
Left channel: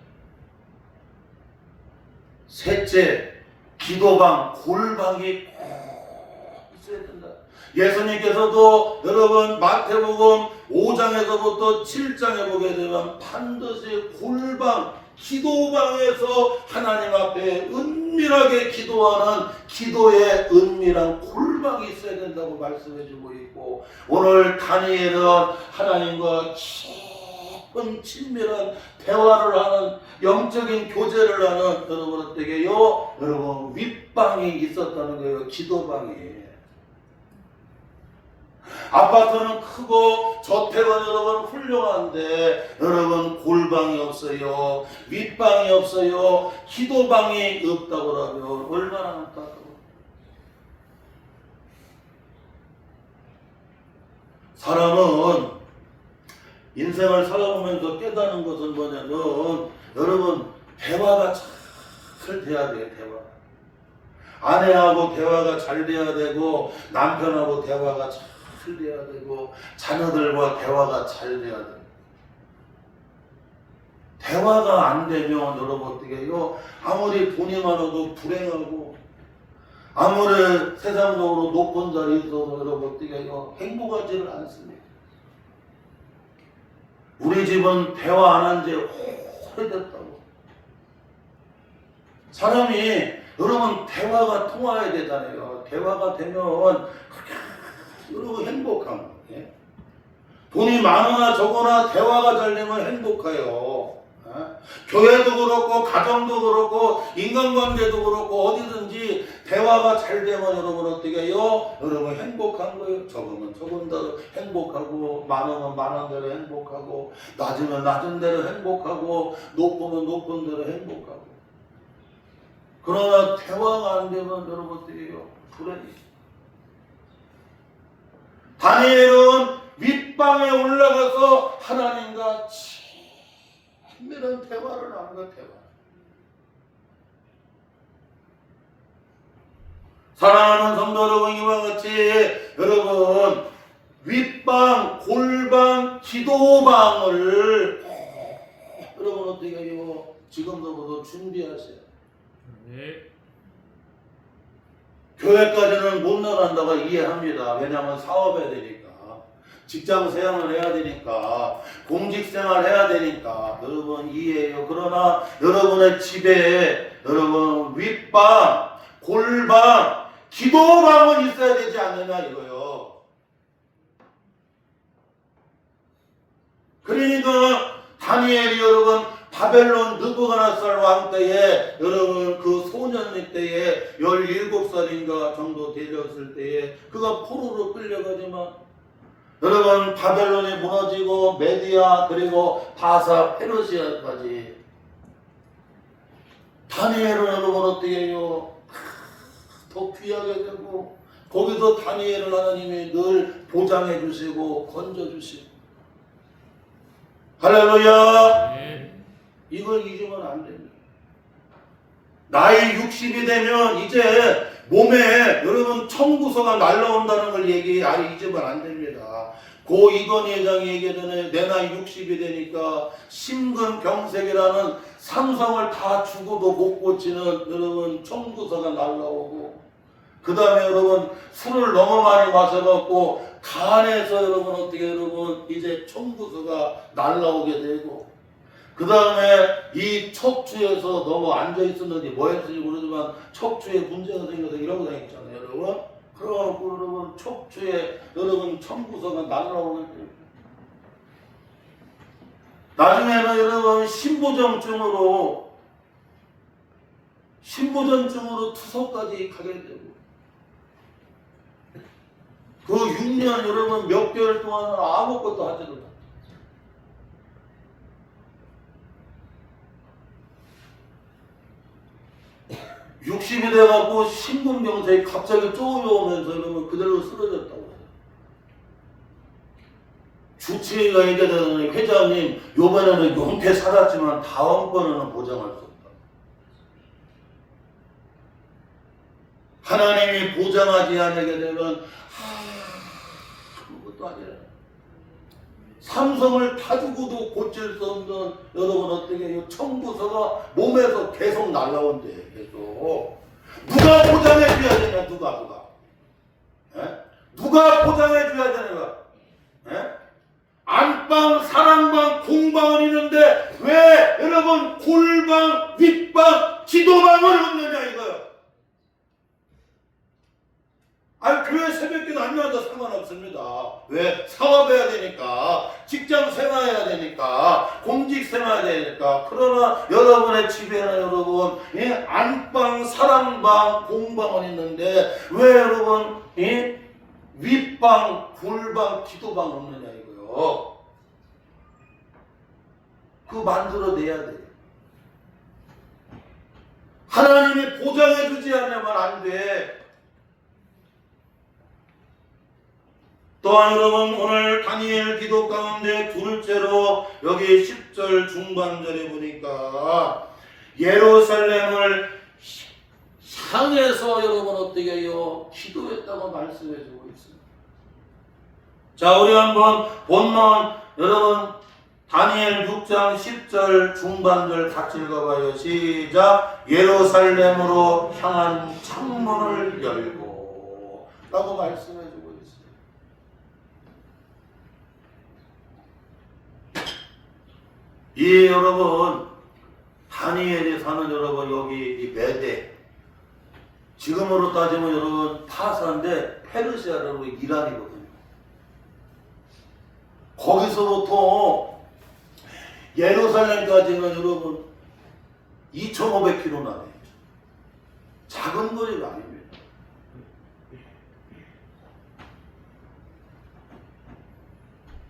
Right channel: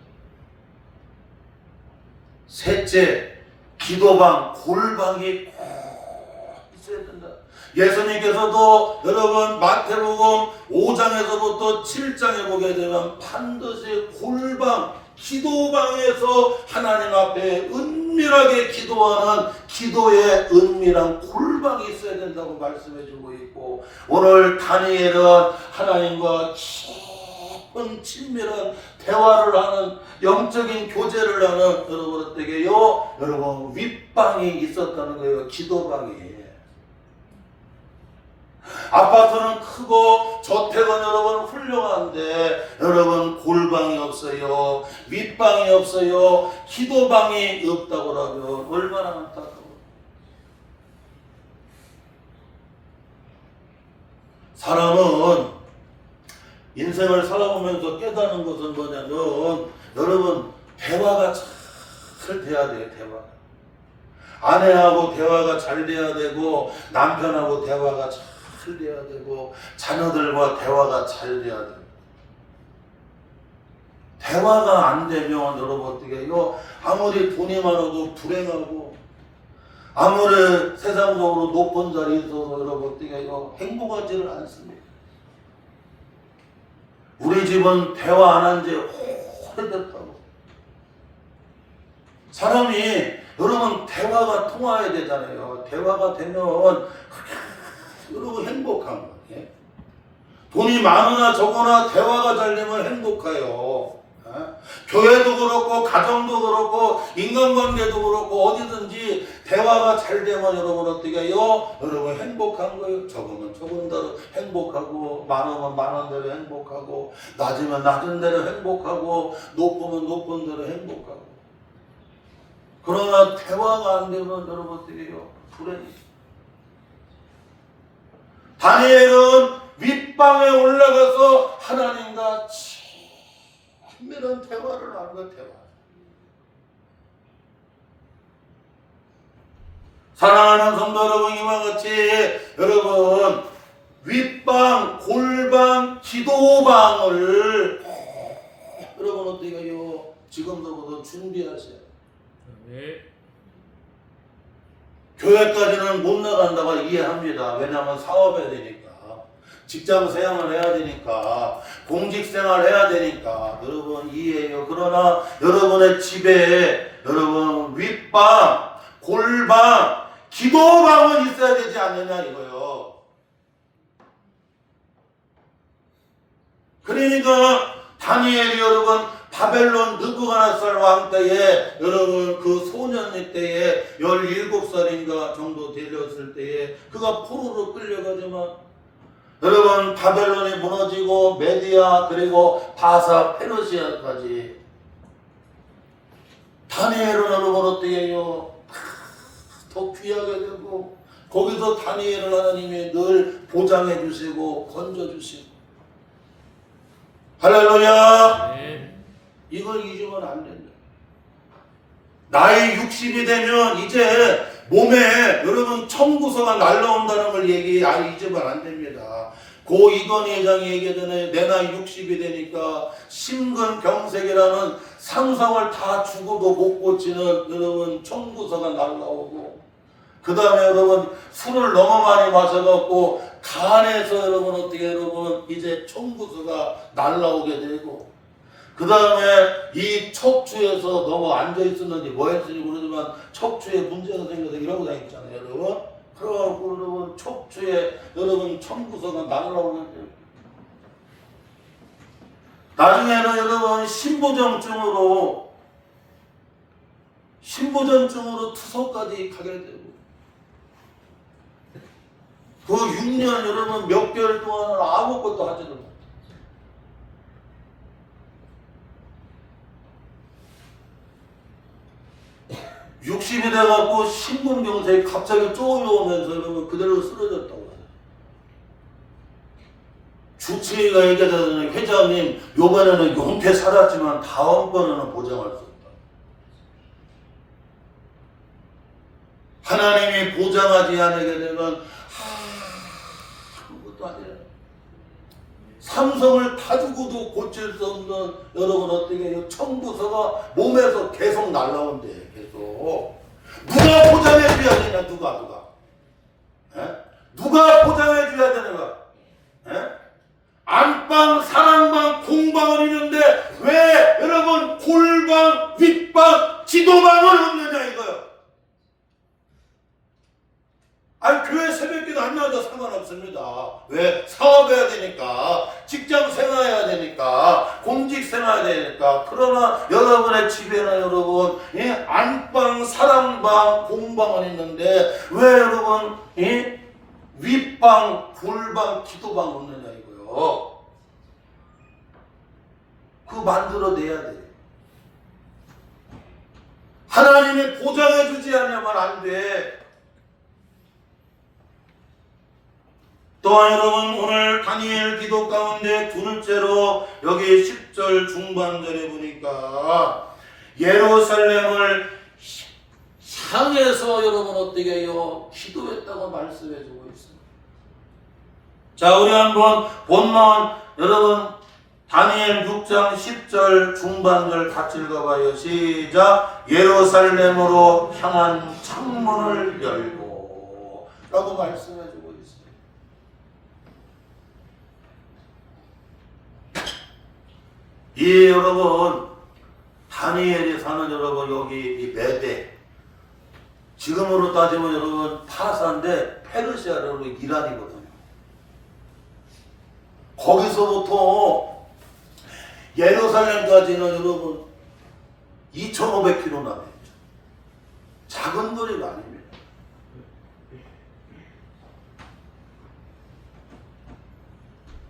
셋째, 기도방, 골방이 꼭 있어야 된다. 예수님께서도 여러분 마태복음 5장에서부터 7장에 보게 되면 반드시 골방, 기도방에서 하나님 앞에 은밀하게 기도하는 기도의 은밀한 골방이 있어야 된다고 말씀해 주고 있고, 오늘 다니엘은 하나님과 깊은 친밀한 대화를 하는, 영적인 교제를 하는 여러분 어떻게요? 여러분 윗방이 있었다는 거예요. 기도방이. 아파트는 크고 저택은 여러분 훌륭한데 여러분 골방이 없어요. 윗방이 없어요. 기도방이 없다고 하면 얼마나 안타까워. 사람은 인생을 살아오면서 깨닫는 것은 뭐냐면 여러분 대화가 잘 돼야 돼요. 대화가. 아내하고 대화가 잘 돼야 되고 남편하고 대화가 잘 돼야 되고 자녀들과 대화가 잘 돼야 되고 대화가 안 되면 여러분 어떻게 해요? 아무리 돈이 많아도 불행하고 아무리 세상적으로 높은 자리에 있어도 여러분 어떻게 해요? 행복하지를 않습니다. 우리 집은 대화 안 한 지 오래됐다고. 사람이 여러분 대화가 통해야 되잖아요. 대화가 되면 여러분 행복한 거예요. 돈이 많으나 적으나 대화가 잘 되면 행복해요. 교회도 그렇고 가정도 그렇고 인간관계도 그렇고 어디든지 대화가 잘 되면 여러분 어떻게 해요? 여러분 행복한 거예요. 적으면 적은 대로 행복하고 많으면 많은 대로 행복하고 낮으면 낮은 대로 행복하고 높으면 높은 대로 행복하고. 그러나 대화가 안 되면 여러분 어떻게 해요? 불행이. 다니엘은 윗방에 올라가서 하나님과 친밀한 대화를 하는 것. 대화. 사랑하는 성도 여러분, 이와 같이 여러분 윗방, 골방, 기도방을 여러분 어떻게 해요? 지금부터 준비하세요. 네. 교회까지는 못 나간다고 이해합니다. 왜냐하면 사업해야 되니까. 직장 생활을 해야 되니까, 공직 생활을 해야 되니까, 여러분 이해해요. 그러나 여러분의 집에 여러분 윗방, 골방, 기도방은 있어야 되지 않느냐 이거요. 그러니까 다니엘이 여러분 바벨론 느부갓네살 왕 때에 여러분 그 소년의 때에 17살인가 정도 되었을 때에 그가 포로로 끌려가지만 여러분 바벨론이 무너지고 메디아 그리고 바사 페르시아까지 다니엘은 여러분 어떻게 해요? 더 귀하게 되고 거기서 다니엘을 하나님이 늘 보장해 주시고 건져 주시고 할렐루야. 네. 이걸 잊으면 안 됩니다. 나이 60이 되면 이제 몸에 여러분 청구서가 날라온다는 걸 잊으면 안 됩니다. 고 이건희 회장이 얘기하잖아요. 내 나이 60이 되니까 심근경색이라는 상상을 다 죽어도 못 고치는 여러분 청구서가 날라오고 그 다음에 여러분 술을 너무 많이 마셔갖고 간에서 여러분 어떻게 여러분 이제 청구서가 날라오게 되고 그 다음에 이 척추에서 너무 앉아있었는지 뭐 했는지 모르지만 척추에 문제가 생겨서 이러고 다녔잖아요 여러분. 그래갖고 여러분 척추에 여러분 청구서가 날라오는데 나중에는 여러분 신부전증으로 투석까지 가게 되고 그 6년 여러분 몇 개월 동안은 아무것도 하지도 못해요. 60이 돼갖고 심근경색이 갑자기 쪼여오면서 여러분 그대로 쓰러졌다고 해요. 주치의가 얘기하자면 회장님 요번에는 용케 살았지만 다음번에는 보장할 수 없다. 하나님이 보장하지 않게 되면 아무것도 아니라 삼성을 다 주고도 고칠 수 없는 여러분 어떻게 해요? 청구서가 몸에서 계속 날라온대. 계속 누가 보장해 줘야 되냐? 누가 에? 누가 보장해 줘야 되는가? 안방, 사랑방, 공방은 있는데 왜 여러분 골방, 윗방, 기도방은 없느냐 이거요. 아니 교회 새벽기도 안 나와도 상관없습니다. 왜? 사업해야 되니까, 직장 생활해야 되니까, 공직 생활해야 되니까. 그러나 여러분의 집에는 여러분 안방, 사랑방, 공방은 있는데 왜 여러분 윗방, 골방, 기도방 없느냐 이거요. 그거 만들어내야 돼요. 하나님이 보장해 주지 않으면 안 돼. 또한 여러분 오늘 다니엘 기도 가운데 둘째로 여기 10절 중반절에 보니까 예루살렘을 향해서 여러분 어떻게 해요? 기도했다고 말씀해주고 있습니다. 자, 우리 한번 본문 여러분 다니엘 6장 10절 중반절 같이 읽어봐요. 시작. 예루살렘으로 향한 창문을 열고 라고 말씀해주고 있어요. 이 여러분 다니엘이 사는 여러분 여기 이 메대 지금으로 따지면 여러분 파사인데 페르시아 여러분 이란이거든요. 거기서부터 예루살렘까지는 여러분 2,500km나 되죠. 작은 거리가 아닙니다.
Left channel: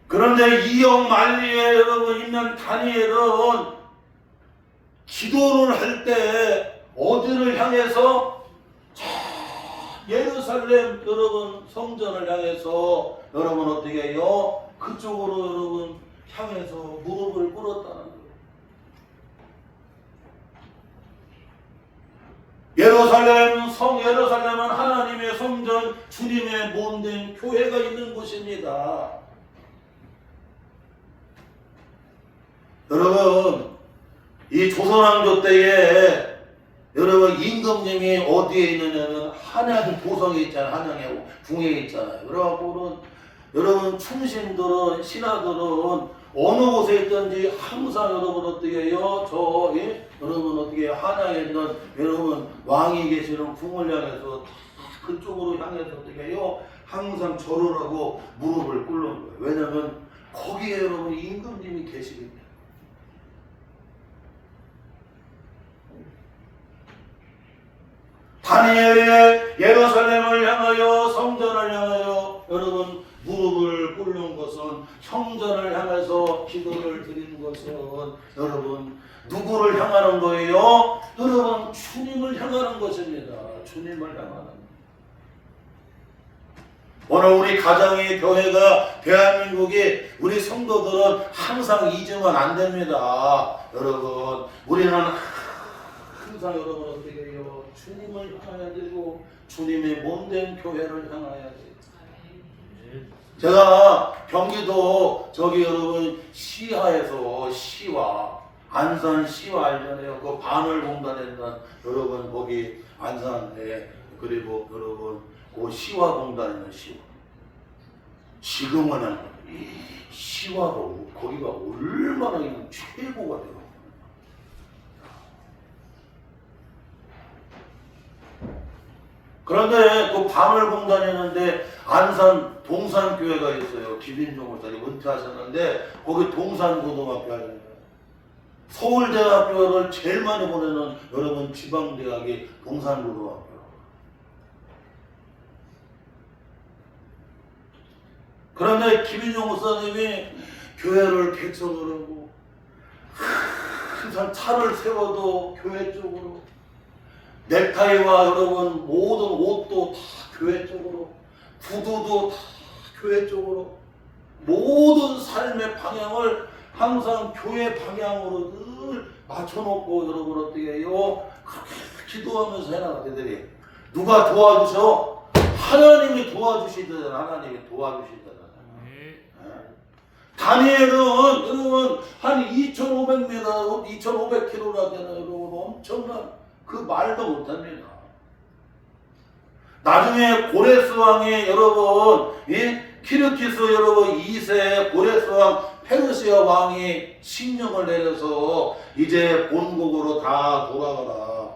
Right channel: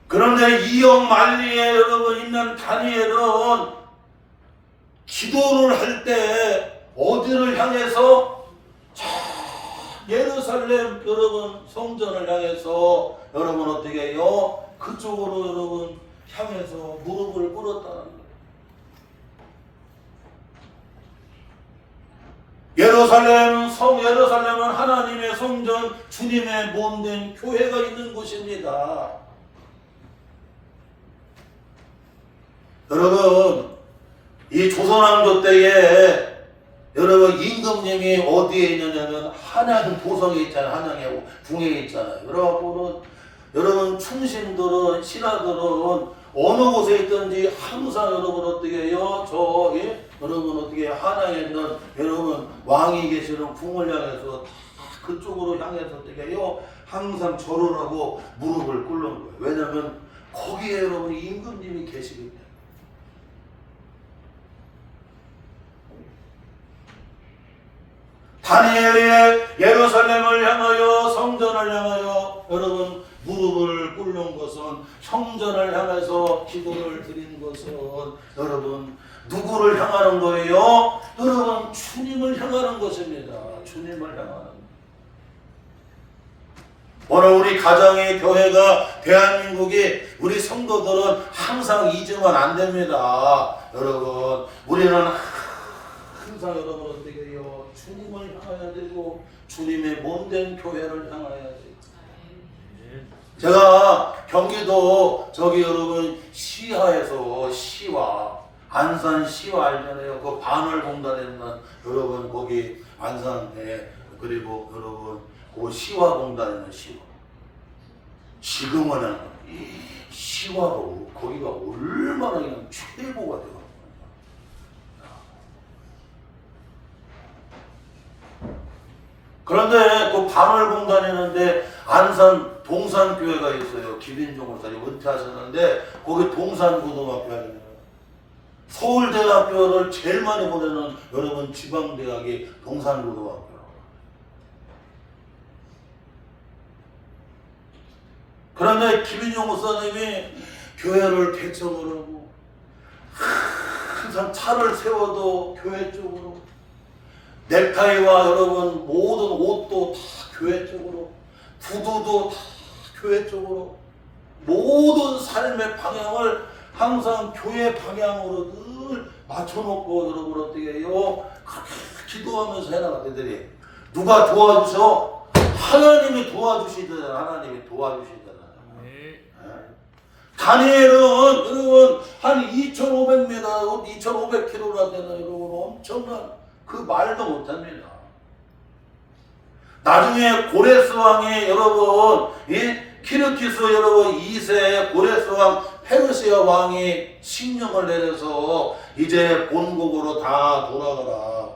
그런데 이역 만리에 여러분 있는 다니엘은 기도를 할 때 어디를 향해서 예루살렘 여러분 성전을 향해서 여러분 어떻게 해요? 그쪽으로 여러분 향해서 무릎을 꿇었다는 거예요. 예루살렘은 하나님의 성전, 주님의 몸된 교회가 있는 곳입니다. 여러분, 이 조선왕조 때에 여러분 임금님이 어디에 있느냐면 한양 도성에 있잖아요. 한양에 궁에 있잖아요. 여러분 충신들은 신하들은 어느 곳에 있든지 항상 여러분 어떻게 해요? 여러분 어떻게 해요? 한양에 있는 여러분 왕이 계시는 궁을 향해서 그쪽으로 향해서 어떻게 해요? 항상 절을 하고 무릎을 꿇는 거예요. 왜냐하면 거기에 여러분 임금님이 계시기 때문에. 다니엘의 예루살렘을 향하여 성전을 향하여 여러분 무릎을 꿇는 것은 성전을 향해서 기도를 드리는 것은 여러분 누구를 향하는 거예요? 여러분 주님을 향하는 것입니다. 주님을 향하는 오늘 우리 가정의 교회가 대한민국이 우리 성도들은 항상 잊으면 안 됩니다. 여러분 우리는 항상 여러분 어떻게 해요? 주님을 향해야 되고 주님의 몸된 교회를 향해야 돼요. 제가 경기도 여러분 시하에서 시와 안산 시와 알잖아요. 그 반월공단에 있는 여러분 거기 안산에 그리고 여러분 그 시와 공단에 있는 시와 지금은 시와가 거기가 얼마나 그냥 최고가 되고 그런데 그 반월공단이었는데 안산 동산교회가 있어요. 김인종 목사님 은퇴하셨는데 거기 동산고등학교 하잖아요. 서울대학교를 제일 많이 보내는 여러분 지방대학이 동산고등학교. 그런데 김인종 목사님이 교회를 개척을 하고 항상 차를 세워도 교회 쪽으로 넥타이와 여러분 모든 옷도 다 교회 쪽으로 구두도 다 교회 쪽으로 모든 삶의 방향을 항상 교회 방향으로 늘 맞춰놓고 여러분 어떻게 해요? 그렇게 기도하면서 해나가더니 누가 도와주셔? 하나님이 도와주시더라. 하나님이 도와주시더라. 다니엘은 여러분 한 2,500m, 2,500km나 되는 여러분 엄청난 그 말도 못합니다. 나중에 고레스 왕의 여러분 키르키스 여러분 2세 고레스 왕 페르시아 왕이 칙령을 내려서 이제 본국으로 다 돌아가라.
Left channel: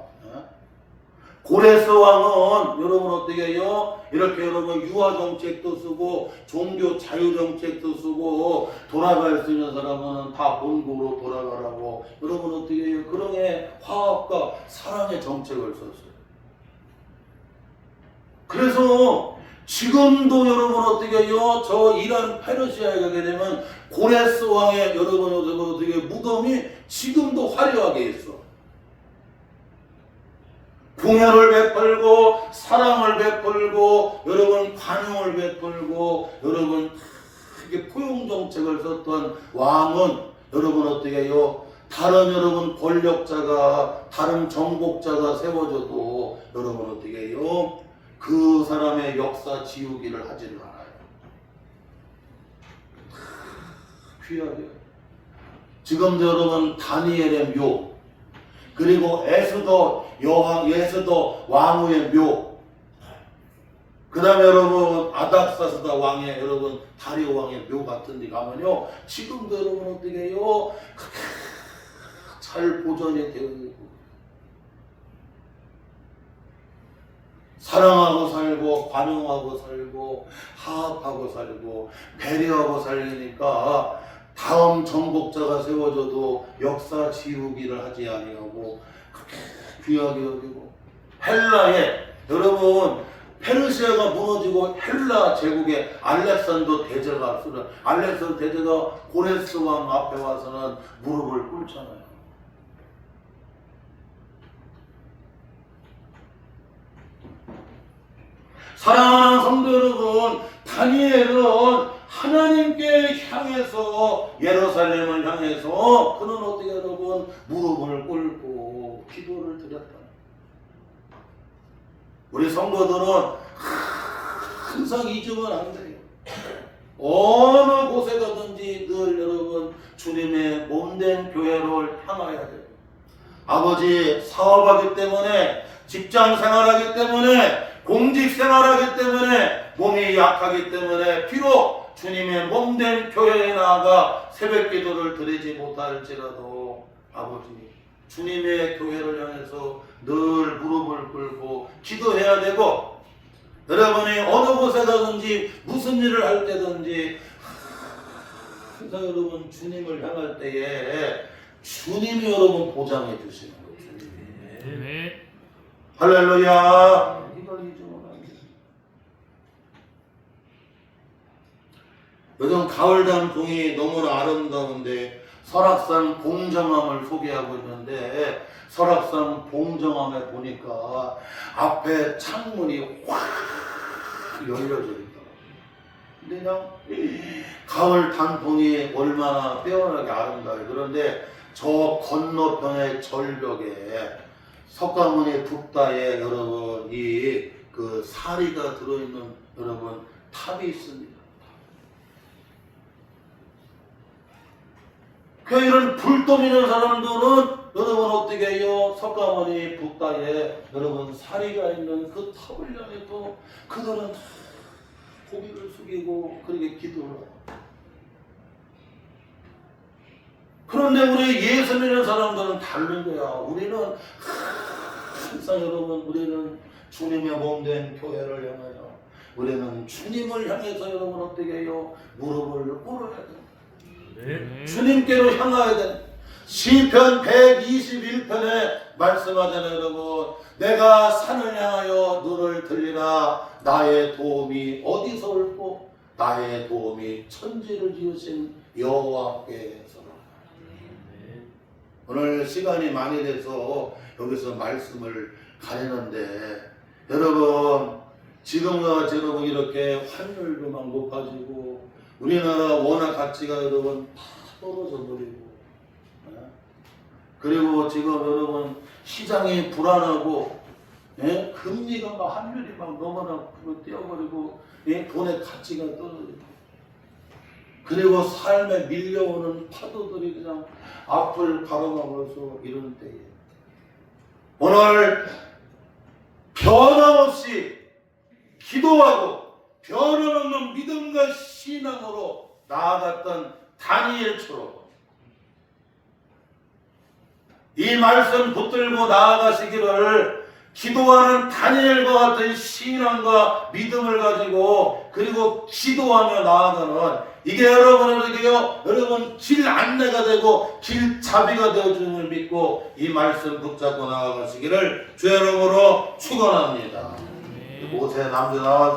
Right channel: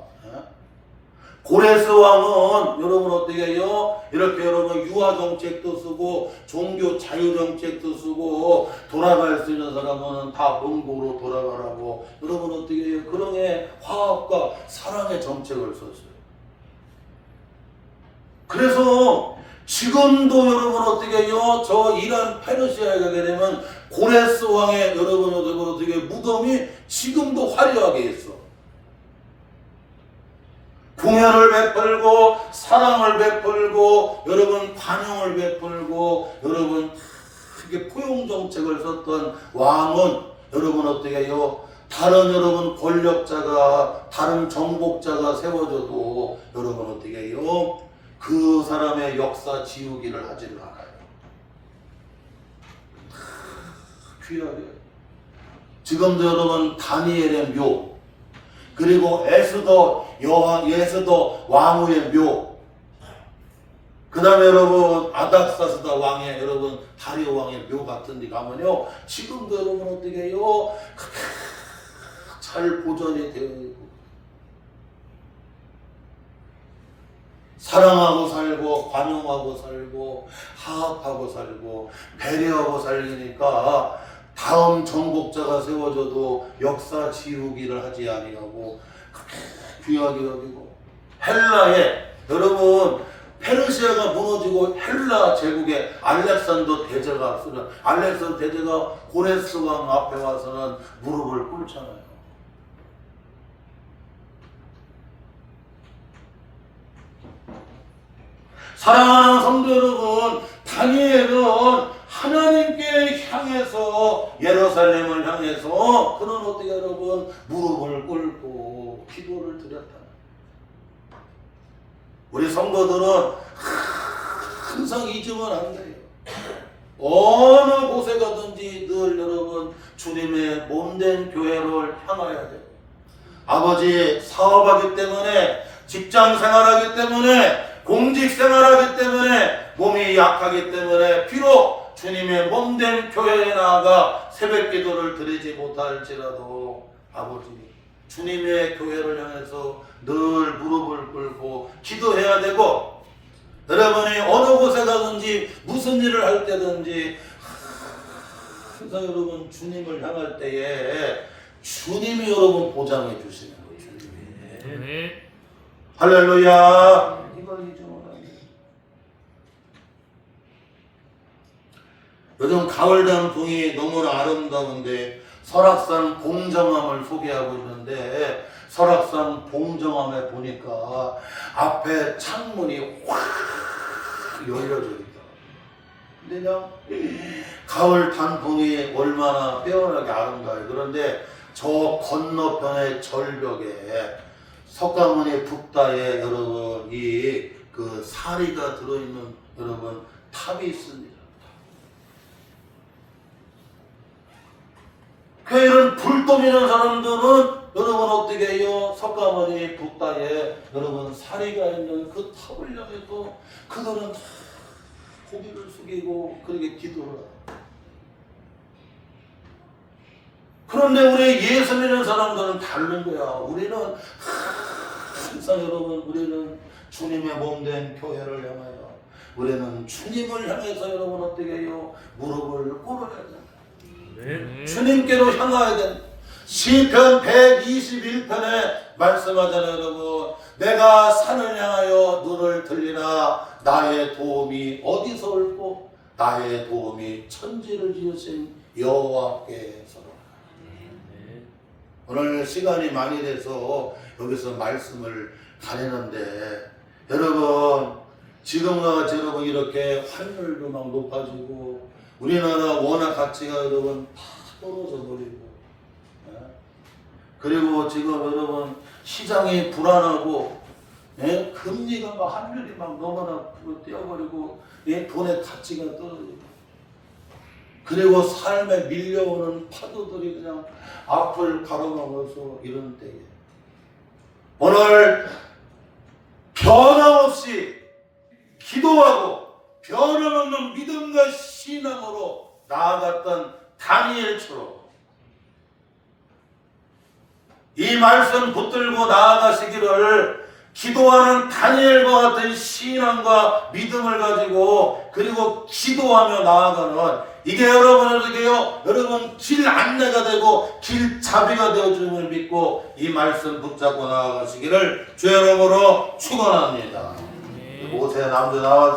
고레스 왕은 여러분 어떻게 해요? 이렇게 여러분 유아 정책도 쓰고 종교 자유 정책도 쓰고 돌아갈 수 있는 사람은 다 본국으로 돌아가라고 여러분 어떻게 해요? 그런 화합과 사랑의 정책을 썼어요. 그래서 지금도 여러분 어떻게 해요? 저 이란 페르시아에 가게 되면 고레스 왕의 여러분 어떻게 무덤이 지금도 화려하게 있어. 궁혈을 베풀고 사랑을 베풀고 여러분 관용을 베풀고 여러분 크게 포용 정책을 썼던 왕은 여러분 어떻게 해요? 다른 여러분 권력자가 다른 정복자가 세워져도 여러분 어떻게 해요? 그 사람의 역사 지우기를 하지를 않아요. 귀하게. 지금도 여러분 다니엘의 묘, 그리고 에스더 왕후의 묘, 그 다음에 여러분 아닥사스다 왕의 여러분 다리오 왕의 묘 같은 데 가면요, 지금도 여러분 어떻게 해요? 잘 보존이 되어 있고 사랑하고 살고 관용하고 살고 화합하고 살고 배려하고 살리니까 다음 정복자가 세워져도 역사 지우기를 하지 아니하고 그렇게 귀하게 여기고, 헬라에 여러분 페르시아가 무너지고 헬라 제국의 알렉산더 대제가 고레스 왕 앞에 와서는 무릎을 꿇잖아요. 사랑하는 성도 여러분, 다니엘은 하나님께 향해서 예루살렘을 향해서 그는 어떻게 여러분 무릎을 꿇고 기도를 드렸다. 우리 성도들은 항상 잊으면 안 돼요. 어느 곳에 가든지 늘 여러분 주님의 몸된 교회를 향하여야 돼요. 아버지 사업하기 때문에, 직장 생활하기 때문에, 공직 생활하기 때문에, 몸이 약하기 때문에 비록 주님의 몸된 교회에 나아가 새벽 기도를 드리지 못할지라도 아버지 주님의 교회를 향해서 늘 무릎을 꿇고 기도해야 되고, 여러분이 어느 곳에 가든지 무슨 일을 할 때든지 항상 여러분 주님을 향할 때에 주님이 여러분 보장해 주시는 거예요. 주님이. 할렐루야. 이걸 잊으면 안 돼요. 요즘 가을단풍이 너무나 아름다운데 설악산 봉정암을 소개하고 있는데, 설악산 봉정암에 보니까 앞에 창문이 확 열려져 있더라고요. 근데 그냥 가을 단풍이 얼마나 빼어나게 아름다워요. 그런데 저 건너편의 절벽에 석가모니 북다에 여러분 그 사리가 들어있는 여러분 탑이 있습니다. 그 이런 불똥 있는 사람들은 여러분 어떻게 해요? 석가모니 북다에 여러분 사리가 있는 그 탑을 향해서 그들은 고개를 숙이고 그렇게 기도를 해요. 그런데 우리 예수 믿는 사람들은 다른 거야. 우리는 항상 여러분 우리는 주님의 몸된 교회를 향하여, 우리는 주님을 향해서 여러분 어떻게 해요? 무릎을 꿇어야 돼. 주님께로 향하야 돼. 시편 121편에 말씀하잖아요. 여러분, 내가 산을 향하여 눈을 들리나 나의 도움이 어디서 올고 나의 도움이 천지를 지으신 여호와께서라. 오늘 시간이 많이 돼서 여기서 말씀을 가리는데, 여러분 지금과 여러분 이렇게 환율도 막 높아지고 우리나라 원화 가치가 여러분 다 떨어져 버리고, 그리고 지금 여러분 시장이 불안하고, 금리가 막 환율이 막 너무나 뛰어버리고, 돈의 가치가 떨어지고, 그리고 삶에 밀려오는 파도들이 그냥 앞을 가로막아서 이런 때에 오늘 변함없이 기도하고 변함없는 믿음과 신앙으로 나아갔던 다니엘처럼 이 말씀 붙들고 나아가시기를 기도하는 다니엘과 같은 신앙과 믿음을 가지고, 그리고 기도하며 나아가는 이게 여러분에게요, 여러분 길 안내가 되고 길잡이가 되어주는 걸 믿고 이 말씀 붙잡고 나아가시기를 주의 이름으로 축원합니다. 모세 남도 나와서